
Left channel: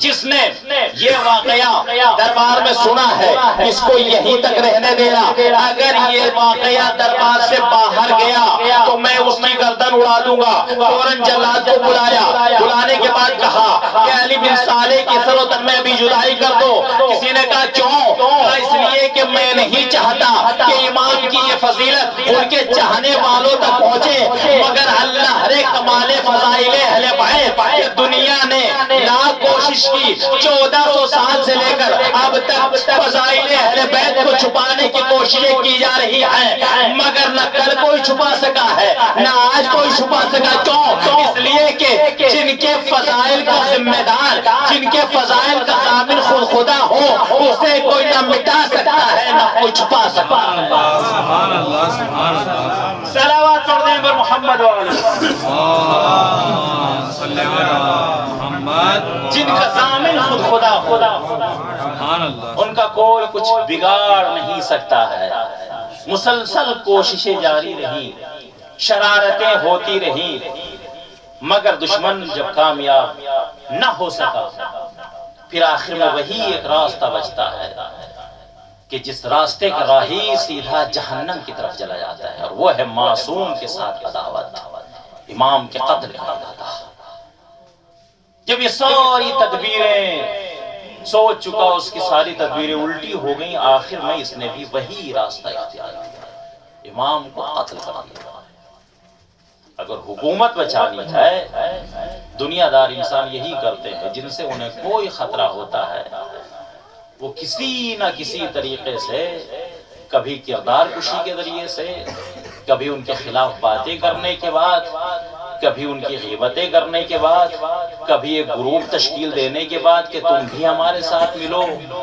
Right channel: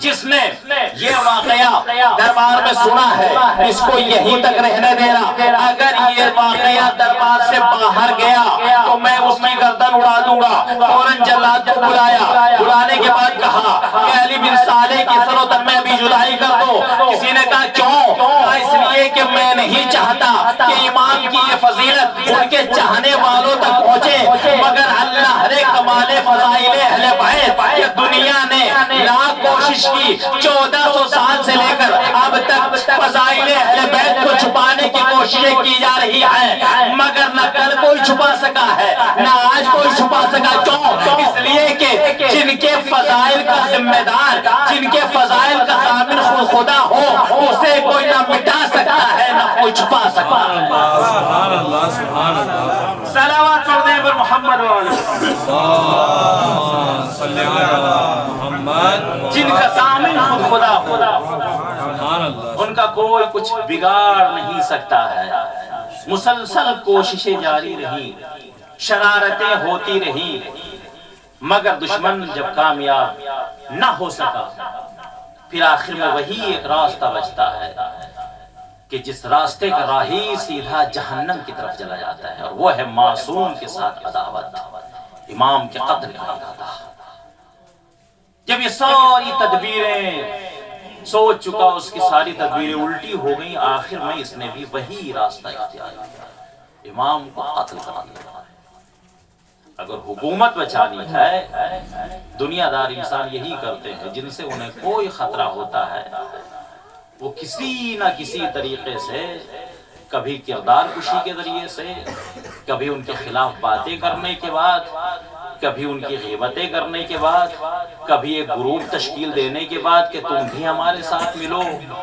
جس نے یہ واقعہ دربار میں سنا ہے اس کو یہیں تک رہنے دینا، اگر یہ واقعہ دربار سے باہر گیا تو میں اس کی گردن اڑا دوں گا۔ فوراً جلاد کو بلایا، بلانے کے بعد کہا کہ علی بن صالح کی سر و تن میں ابھی جدائی کر دو۔ کسی نے کہا کیوں؟ کہا اس لیے کہ میں نہیں چاہتا کہ امام کی یہ فضیلت ان کے چاہنے والوں تک پہنچے، مگر اللہ رے کمال فضائل اہل بیت کہ دنیا نے لاکھ کوشش کی، 1400 سال سے لے کر اب تک فضائل اہل بیت کو چھپانے کی کوششیں کی جا رہی ہیں، مگر نہ کل کوئی چھپا سکا ہے نہ آج کوئی چھپا سکا۔ کیوں؟ اس لیے کہ جن کے فضائل کا ذمہ دار، جن کے فضائل کا ضامن خود خدا ہو، اسے کوئی نہ مٹا سکتا ہے نہ کوئی چھپا سکتا ہے۔ سبحان اللہ، سبحان اللہ، صلوات پڑھ دیں پر محمد صلی علی محمد، جن کا ضامن خود خدا ہو، سبحان اللہ، ان کا کوئی کچھ بگاڑ نہیں سکتا ہے۔ مسلسل کوششیں جاری رہی، شرارتیں ہوتی رہی، مگر دشمن جب کامیاب نہ ہو سکا پھر آخر میں وہی ایک راستہ بچتا ہے کہ جس راستے کا راہی سیدھا جہنم کی طرف چلا جاتا ہے، اور وہ ہے معصوم کے ساتھ عداوت، امام کے قتل کا ارادہ۔ جب یہ ساری تدبیریں سوچ چکا، اس کی ساری تدبیریں الٹی ہو گئیں، آخر میں اس نے بھی وہی راستہ اختیار کیا، امام کو قتل کر دیا۔ اگر حکومت بچانی ہے، دنیا دار انسان یہی کرتے ہیں، جن سے انہیں کوئی خطرہ ہوتا ہے وہ کسی نہ کسی طریقے سے، کبھی کردار کشی کے ذریعے سے، کبھی ان کے خلاف باتیں کرنے کے بعد، کبھی ان کی غیبتیں کرنے کے بعد، کبھی ایک گروپ تشکیل دینے کے بعد کہ تم بھی ہمارے ساتھ ملو،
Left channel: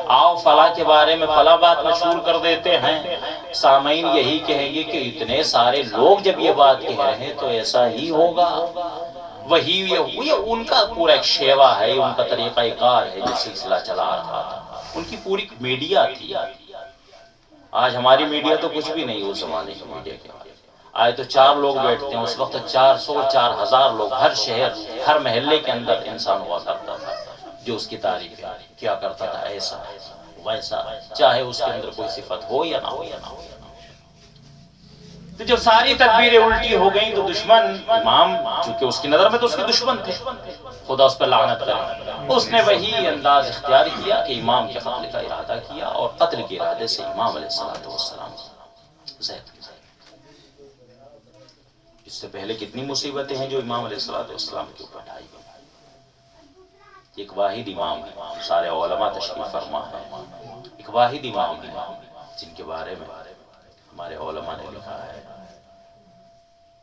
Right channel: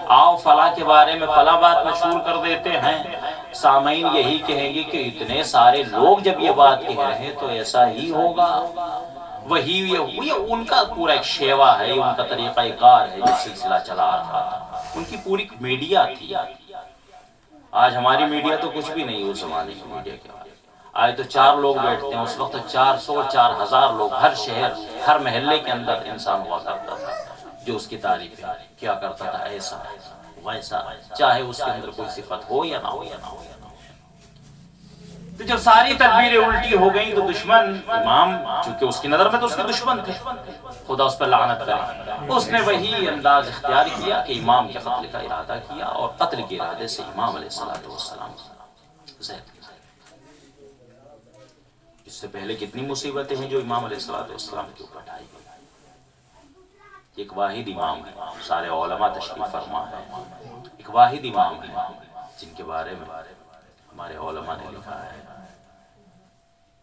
آؤ فلاں کے بارے میں فلاں بات مشہور کر دیتے ہیں۔ سامعین یہی کہیں گے کہ اتنے سارے لوگ جب یہ بات کہہ رہے ہیں تو ایسا ہی ہوگا۔ وہی یہ ان کا پورا ایک شیوا ہے، ان کا طریقہ کار ہے جو سلسلہ چلا رہا تھا، ان کی پوری میڈیا تھی۔ آج ہماری میڈیا تو کچھ بھی نہیں اس زمانے کی میڈیا کے بارے میں۔ آج تو 4 لوگ بیٹھتے ہیں، اس وقت 400 4000 لوگ ہر شہر ہر محلے کے اندر انسان ہوا کرتا تھا جو اس کی تعریف کیا کرتا تھا، ایسا ویسا، چاہے اس کے اندر کوئی صفت ہو یا نہ ہو۔ تو جب ساری تدبیریں الٹی ہو گئیں تو دشمن امام، چونکہ اس کی نظر میں تو اس کے دشمن تھے، خدا اس پر لعنت کرے، اس نے وہی انداز اختیار کیا کہ امام کے قتل کا ارادہ کیا، اور قتل کے ارادے سے امام علیہ السلام زہر کیا۔ اس سے پہلے کتنی مصیبتیں ہیں جو امام علیہ السلام کے اوپر ڈھائی گئی۔ ایک واحد امام، سارے علماء تشریف فرما ہے، ایک واحد امام ہے جن کے بارے میں ہمارے علماء نے لکھا ہے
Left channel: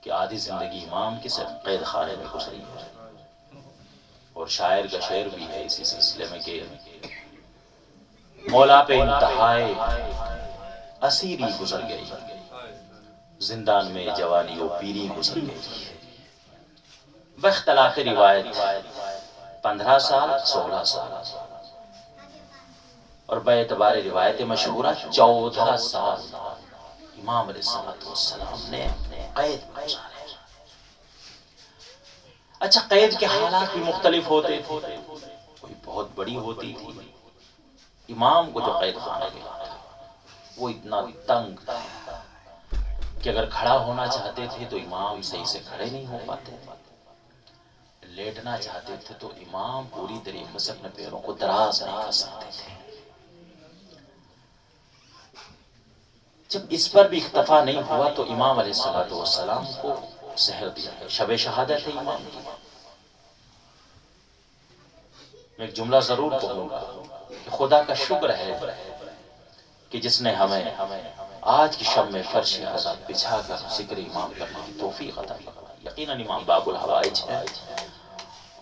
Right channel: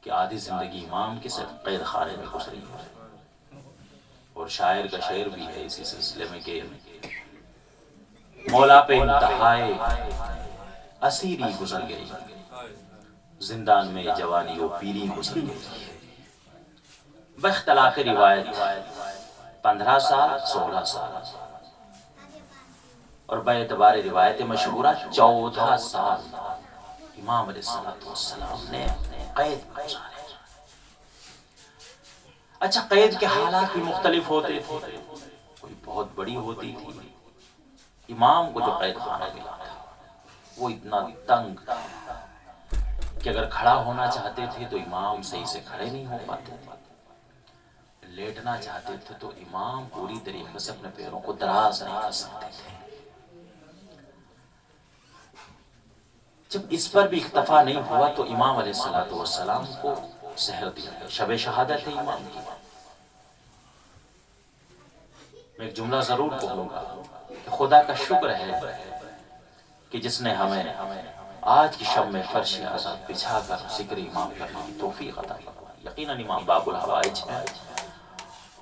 کہ آدھی زندگی امام کی صرف قید خانے میں گزری ہے۔ اور شاعر کا شعر بھی ہے اسی سلسلے میں کہ مولا پہ انتہائے اسیری گزر گئی، زندان میں جوانی و پیری گزر گئی۔ باختلاف روایت 15 سال 16 سال، اور بے اعتبار روایت مشہورہ 14 سال امام علیہ السلام نے قید میں گزارے۔ اچھا، قید کے حالات بھی مختلف ہوتے تھے، کوئی بہت بڑی ہوتی تھی۔ امام کو جو قید خانہ ملا تھا وہ اتنا تنگ تھا کہ اگر کھڑا ہونا چاہتے تھے تو امام صحیح سے کھڑے نہیں ہو پاتے، لیٹنا چاہتے تھے تو امام پوری طریقے سے اپنے پیروں کو دراز نہیں کر سکتے تھے۔ جب اس پر بھی اکتفا نہیں ہوا تو امام علیہ السلام کو زہر دیا گیا۔ شب شہادت ہے امام کی۔ میں ایک جملہ ضرور کہوں گا کہ خدا کا شکر ہے کہ جس نے ہمیں آج کی شب میں فرش آزاد بچھا کر ذکر امام کرنے کی توفیق عطا فرمائی۔ یقیناً امام باب الحوائج ہے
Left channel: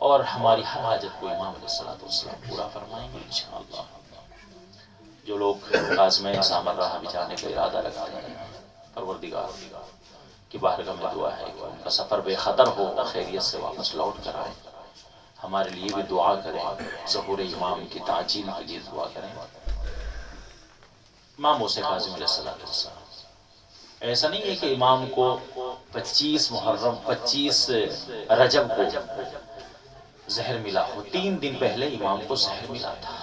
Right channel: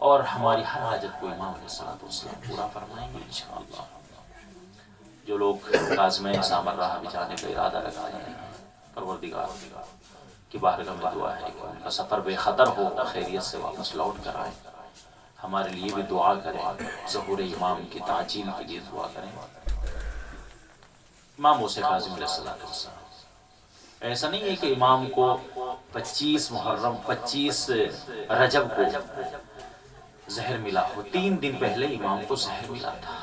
اور ہماری ہر حاجت کو امام علیہ السلام پورا فرمائیں گے انشاءاللہ۔ جو لوگ کاظمین سامراہ بھی جانے کا ارادہ رکھتے ہیں، پروردگار کی بارگاہ میں دعا ہے کہ ان کا سفر بے خطر ہو، خیریت سے واپس لوٹ کر آئیں۔ ہمارے لیے بھی دعا کریں، ظہور امام کی تعجیل کے لیے دعا کریں۔ امام موسیٰ کاظم علیہ السلام، ایسا نہیں ہے کہ امام کو 25 محرم 25 رجب کو زہر ملا ہو، 3 دن پہلے امام کو زہر ملا تھا۔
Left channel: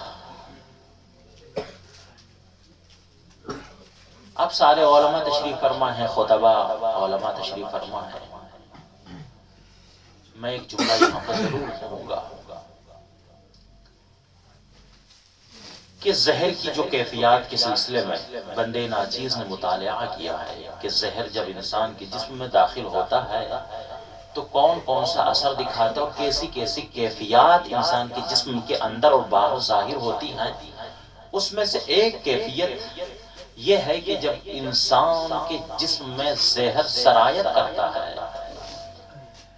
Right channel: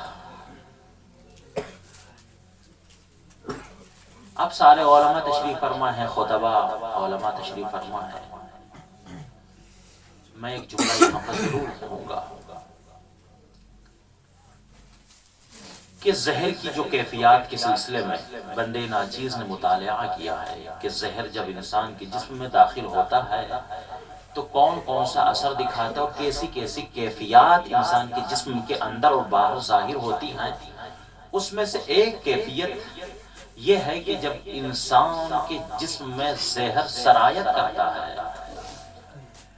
اب سارے علماء تشریف فرما ہیں، خطبہ علماء تشریف فرما ہیں۔ میں ایک جملہ یہاں پر ضرور کہوں گا کہ زہر کی جو کیفیات کے سلسلے میں بندے ناچیز نے مطالعہ کیا ہے کہ زہر جب انسان کے جسم میں داخل ہوتا ہے تو کون کون سا اثر دکھاتا ہے اور کیسی کیسی کیفیات انسان کے جسم کے اندر اور باہر ظاہر ہوتی ہیں۔ اس میں سے ایک کیفیت یہ ہے کہ جب انسان کے جسم میں زہر سرایت کرتا ہے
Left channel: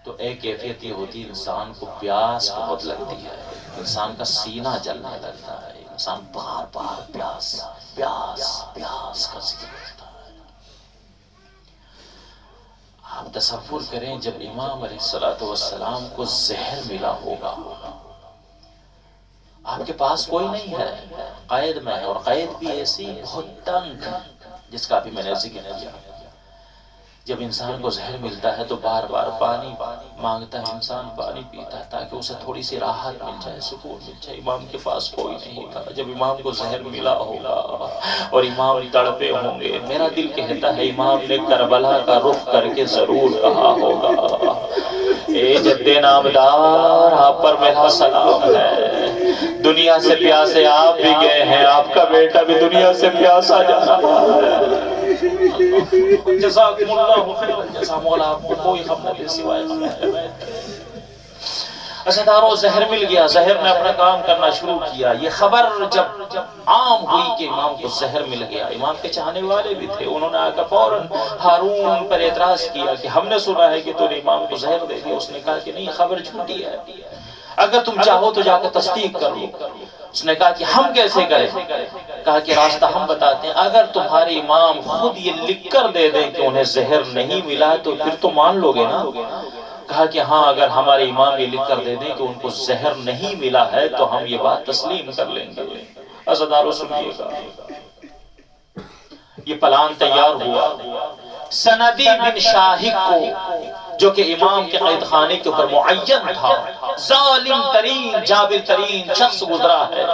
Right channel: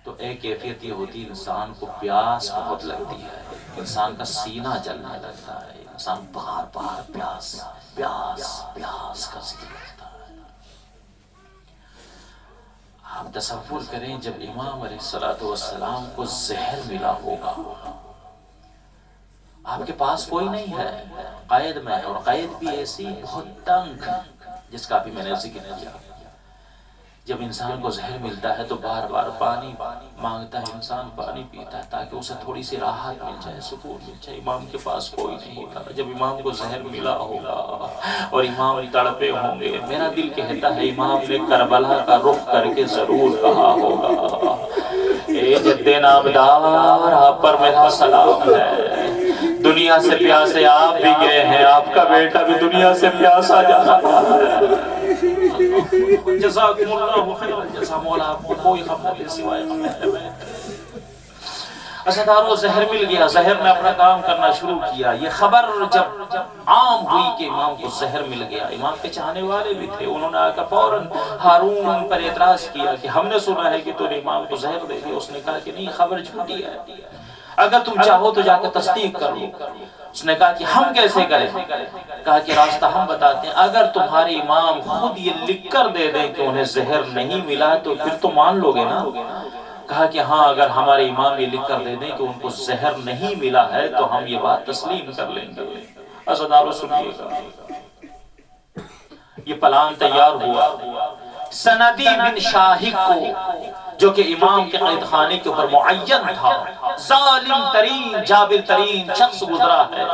تو ایک کیفیت یہ ہوتی ہے انسان کو پیاس بہت لگتی ہے، انسان کا سینہ جلنے لگتا ہے، انسان بار بار پیاس پیاس پیاس کا ذکر کرتا ہے۔ آپ تصور کریں جب امام علیہ السلام کو زہر ملا ہوگا، آپ کے پاس کوئی نہیں ہے، قید میں ہے، اور قید بھی ایسی بہت تنگ جس کا بھی میں نے ذکر کیا۔ جب انسان کو زہر ملتا ہے تو بار بار پانی مانگتا ہے، انسان پانی پیتا ہے تاکہ اسے تھوڑی سی راحت مل جائے، سکون مل جائے۔ امام کے پاس کوئی نہیں تھا۔ جب امام کو زہر ملا ہوگا اور امام تڑپے ہوں گے، میرا دل کہتا ہے امام نے کربلا کا رخ کر کے ضرور کہا ہوگا، اے جد نامدار آپ پر میرا سلام ہے، دنیا سے پیاسے آپ بھی گئے ہیں، آپ کا بیٹا بھی دنیا سے پیاسا جا رہا ہے۔ جزاکم اللہ خیر الجزا، مولا آپ کو کوئی غم نہ دے سوائے غم۔ عزیزانو، زہر مل گیا، زہر نے اپنا کام کرنا شروع کیا۔ یہ خبر جب عام ہوئی کہ امام کو زہر مل گیا، امام کے چاہنے والے بھی تھے، انہوں نے آ کر فوراً ہارون پر اعتراض کیا کہ ہم نے سنا ہے کہ تو نے امام کو زہر دے دیا۔ اس نے کہا کہ نہیں، خبر جھوٹی ہے، اگر تم چاہو تو جا کر تصدیق کر لو۔ اس نے کہا کہ ہم کیسے کریں؟ کہا کہ راستہ ہم بتاتے ہیں، اگر تمہارے امام خود یہ لکھ کر دے دیں کہ انہیں زہر نہیں ملا تو پھر تو مان لو گے نا؟ کہا کہ ہاں، اگر ہمارے امام یہ لکھ کر دے دیں کہ ان کو زہر نہیں ملا ہے تو ہم یہ بات تسلیم کر لیں گے۔ عزیزانو سنیے گا، یہ پلان تیار ہوا۔ سندی بن شاہق کو، جو کہ امام کے قید خانے کے اوپر معین تھا، ظالم ترین جابر ترین شخص گزرا ہے،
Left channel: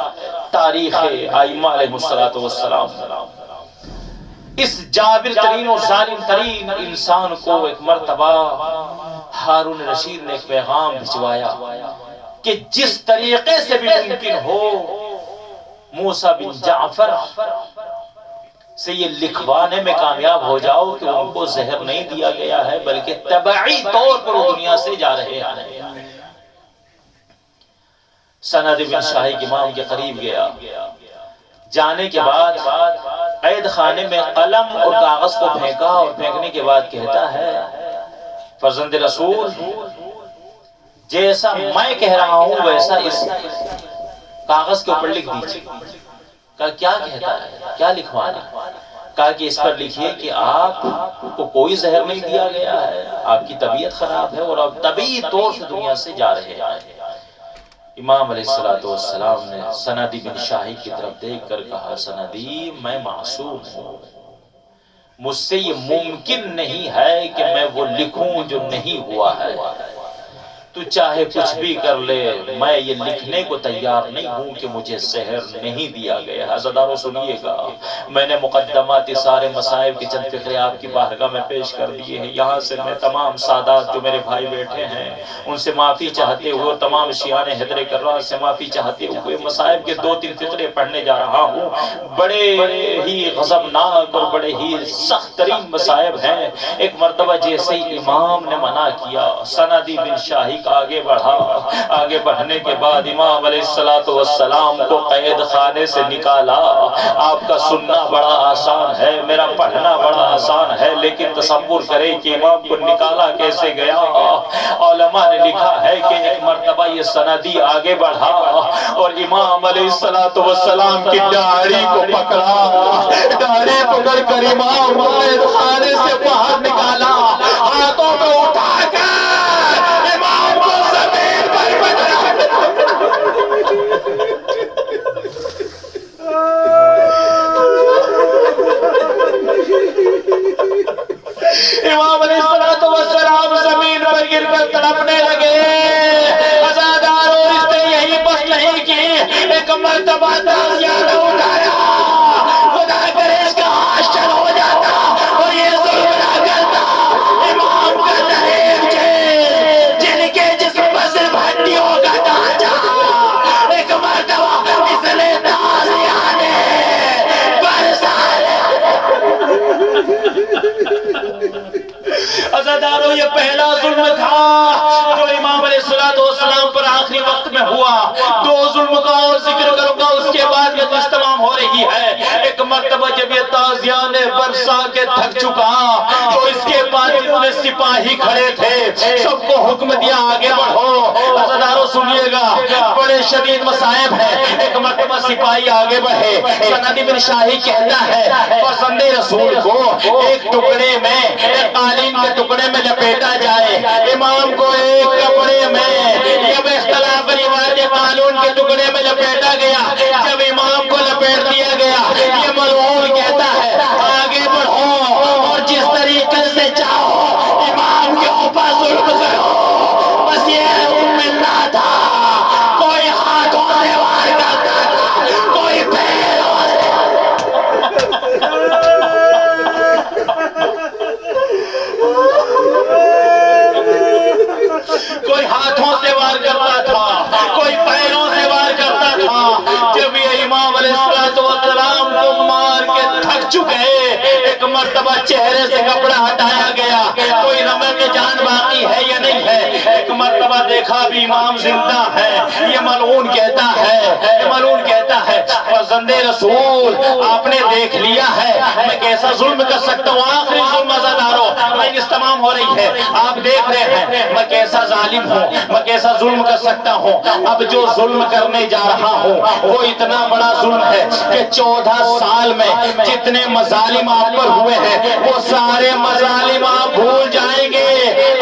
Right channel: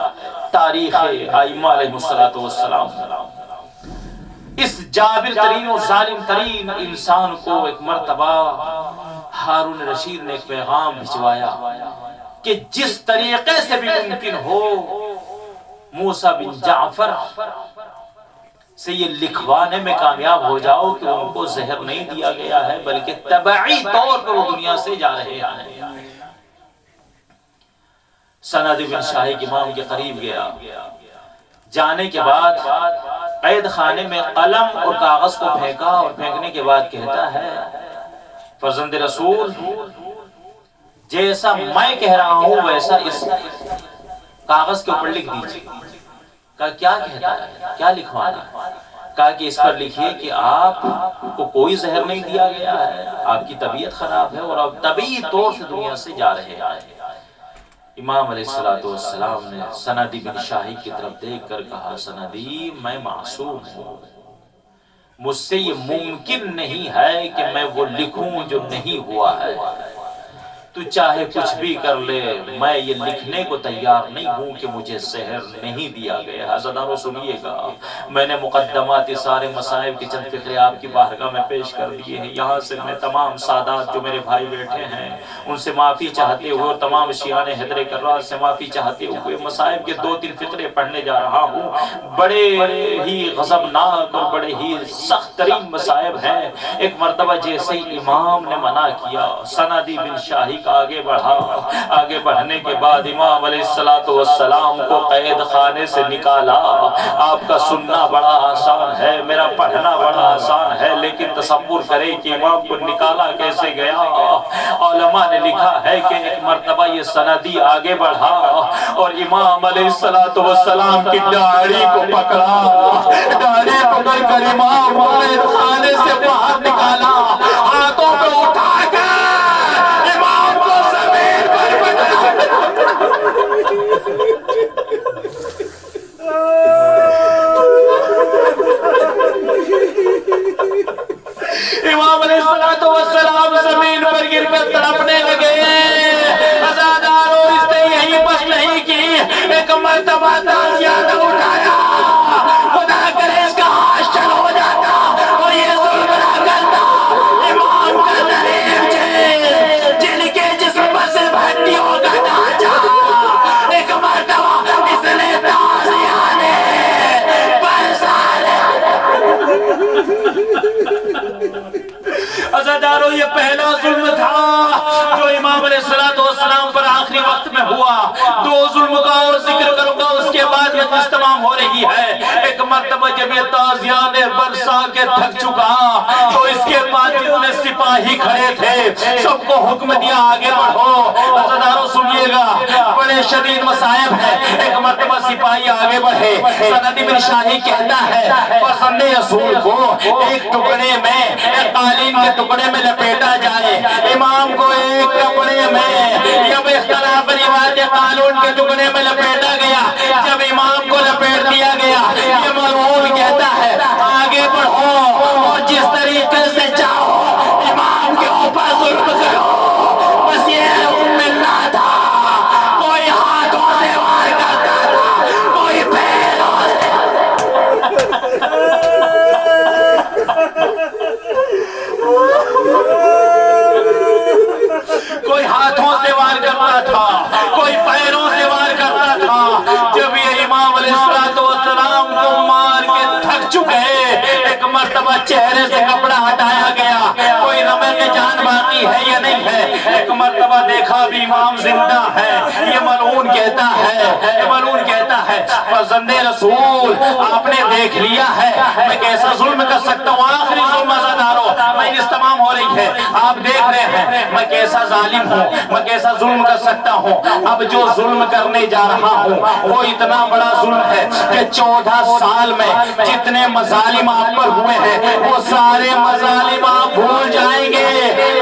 تاریخ ائمہ علیہ السلام اس جابر ترین اور ظالم ترین انسان کو ایک مرتبہ ہارون رشید نے ایک پیغام بھجوایا کہ جس طریقے سے بھی ممکن ہو موسیٰ بن جعفر سے یہ لکھوانے میں کامیاب ہو جاؤ کہ ان کو زہر نہیں دیا گیا ہے بلکہ طبعی طور پر وہ دنیا سے جا رہے ہیں۔ سند بن شاہق امام کے قریب گیا، جانے کے بعد قید خانے میں قلم اور کاغذ کو پھینکا اور پھینکنے کے بعد کہتا ہے فرزند رسول جیسا میں کہہ رہا ہوں ویسا اس کاغذ کے اوپر لکھ دیجیے۔ کہا کیا کہتا ہے، کیا لکھوانا؟ کہا کہ اس پر لکھیے کہ آپ کو کوئی زہر نہیں دیا گیا ہے، آپ کی طبیعت خراب ہے اور آپ طبیعی طور سے دنیا سے جا رہے ہیں۔ امام علیہ السلام نے سندی بن شاہق کی طرف دیکھ کر کہا سندی میں معصوم ہوں، مجھ سے یہ ممکن نہیں ہے کہ میں وہ لکھوں جو نہیں ہوا ہے، تو چاہے کچھ بھی کر لے میں یہ لکھنے کو تیار نہیں ہوں کہ مجھے زہر نہیں دیا گیا۔ حضرتارو سنیے گا، میں نے مقدمات سارے مصائب کے چند فقرے آپ کی بارگاہ میں پیش کر دیے ہیں۔ یہاں سے میں تمام سادات جو میرے بھائی بیٹھے ہیں ان سے معافی چاہتے ہوئے اور تمام شیعان حیدر کرار سے معافی چاہتے ہوئے مصائب کے 2-3 فقرے پڑھنے جا رہا ہوں۔ بڑے ہی غضبناک اور بڑے ہی سخت ترین مصائب ہیں۔ ایک مرتبہ جیسے امام نے منع کیا، سندی بن شاہق آگے بڑھا، آگے بڑھنے کے بعد امام علیہ السلام کو قید خانے سے نکالا۔ آپ کا سننا بڑا آسان ہے، میرا پڑھنا بڑا آسان ہے، لیکن تصور کریں کہ امام کو نکالا کیسے گیا۔ علماء نے لکھا ہے کہ ایک مرتبہ یہ سندی آگے بڑھا اور امام علیہ السلام کی داڑھی کو پکڑا، داڑھی پکڑ کر امام قید خانے سے باہر نکالا، ہاتھوں کو اٹھا کر امام علیہ السلام زمین پر گر کر تڑپنے لگے۔ عزادار اور اس نے یہی بس نہیں کی، ایک مرتبہ تازیانہ اٹھایا، خدا کرے اس کا ہاتھ شل ہو جاتا اور یہ ظلم نہ کرتا۔ امام کا ضعیف چیز جن کے جسم پر صرف ہڈیوں کا ڈھانچہ، ایک مرتبہ اس نے تازیانہ عزادارو یہ پہلا ظلم تھا جو امام علیہ السلام پر آخری وقت میں ہوا۔ 2 ظلم کا اور ذکر کروں گا، اس کے بعد یہ قسط تمام ہو رہی ہے۔ ایک مرتبہ جب یہ تازیان برسا کے تھک چکا تو اس کے بعد جتنے سپاہی کھڑے تھے سب کو حکم دیا آگے بڑھو۔ عزادارو سنیے گا، بڑے شدید مصائب ہیں۔ ایک مرتبہ سپاہی آگے بڑھے، سندی بن شاہق کہتا ہے فرزند رسول کو ایک ٹکڑے میں، ایک قالین کے ٹکڑے میں لپیٹا جائے، امام کو ایک کپڑے میں، جب اختلاف روایت قانون کے ٹکڑے میں لپیٹا گیا، جب امام کو لپیٹ دیا گیا، یہ ملعون کہتا ہے آگے بڑھو اور جس طریقے سے چاہو امام کے اوپر ظلم کرو۔ بس یہ ملنا تھا، کوئی ہاتھوں سے وار کرتا تھا، کوئی پیروں سے، کوئی ہاتھوں سے وار کرتا تھا، کوئی پیروں سے وار کرتا تھا۔ جب یہ امام علیہ السلام کو مار کے تھک چکے، ایک مرتبہ چہرے سے کپڑا ہٹایا گیا، کوئی رمق جان باقی ہے یا نہیں ہے۔ ایک مرتبہ دیکھا بھی امام زندہ ہے، یہ ملعون کہتا ہے فرزند رسول آپ نے دیکھ لیا ہے میں کیسا ظلم کر سکتا ہوں۔ آخری ظلم عزادارو مجلس تمام ہو رہی ہے، آپ دیکھ رہے ہیں میں کیسا ظالم ہوں، میں کیسا ظلم کر سکتا ہوں۔ اب جو ظلم کرنے جا رہا ہوں وہ اتنا بڑا ظلم ہے کہ 14 سال میں جتنے مظالم آپ پر ہوئے ہیں وہ سارے مظالم آپ بھول جائیں گے۔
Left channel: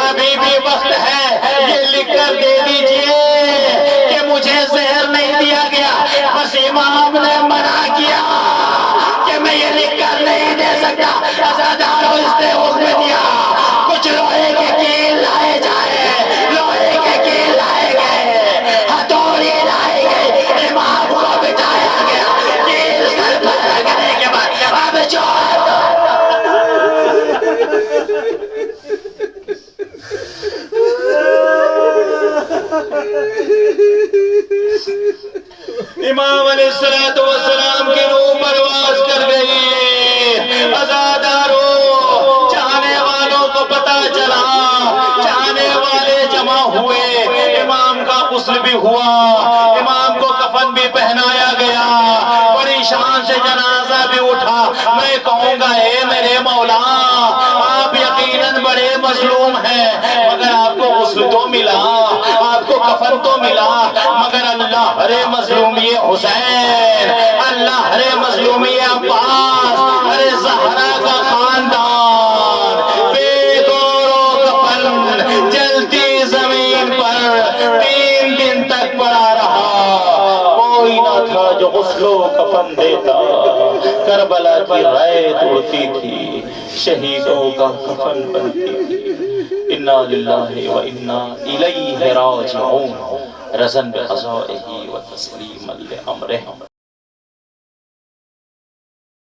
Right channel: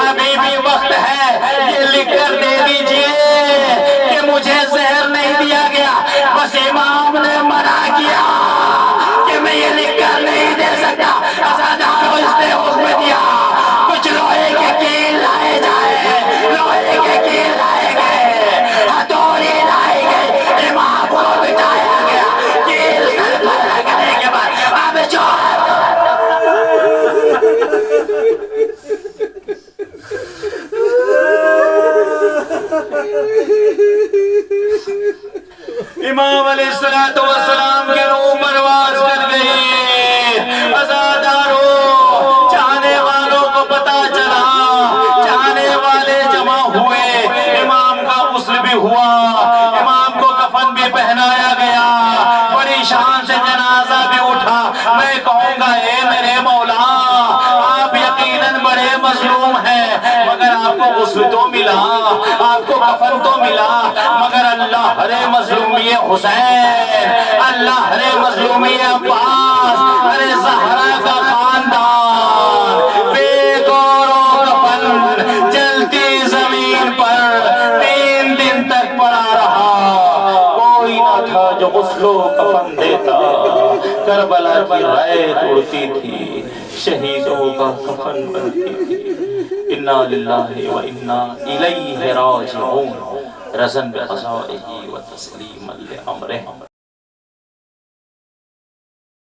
ابھی بھی وقت ہے، یہ لکھ کر دے دیجئے کہ مجھے زہر نہیں دیا گیا، بس امام نے منع کیا کہ میں یہ لکھ کر نہیں دے سکتا۔ عزادارو اس نے حکم دیا کچھ لوہے کے کیل لائے جائے، لوہے کے کیل لائے گئے، ہتھوڑی لائی گئی، امام کو بٹھایا علیہ السلام کی روح پرواز کر گئی. عزادارو چاہنے والوں کو پتا چلا, چاہنے والے جمع ہوئے, امام کا غسل بھی ہوا, امام کو کفن بھی پہنایا گیا, بڑی شان سے جنازہ بھی اٹھا. میں کہوں گا اے میرے مولا, آپ یقیناً بڑے مظلوم ہیں, مگر آپ کو غسل تو ملا, آپ کو کفن تو ملا, مگر اللہ ارے مظلومی حسین, اللہ ارے مظلومی عباس, ارے زہرا کا خاندان بے گور و کفن جلتی زمین پر 3 دن تک پڑا رہا. کوئی نہ تھا جو غسل و کفن دیتا. کربلا کی رائے اڑتی تھی, شہیدوں کا کفن بنتی تھی. انا للہ و انا الیہ راجعون, رزن بقضائہ و تسلیما لامرہ.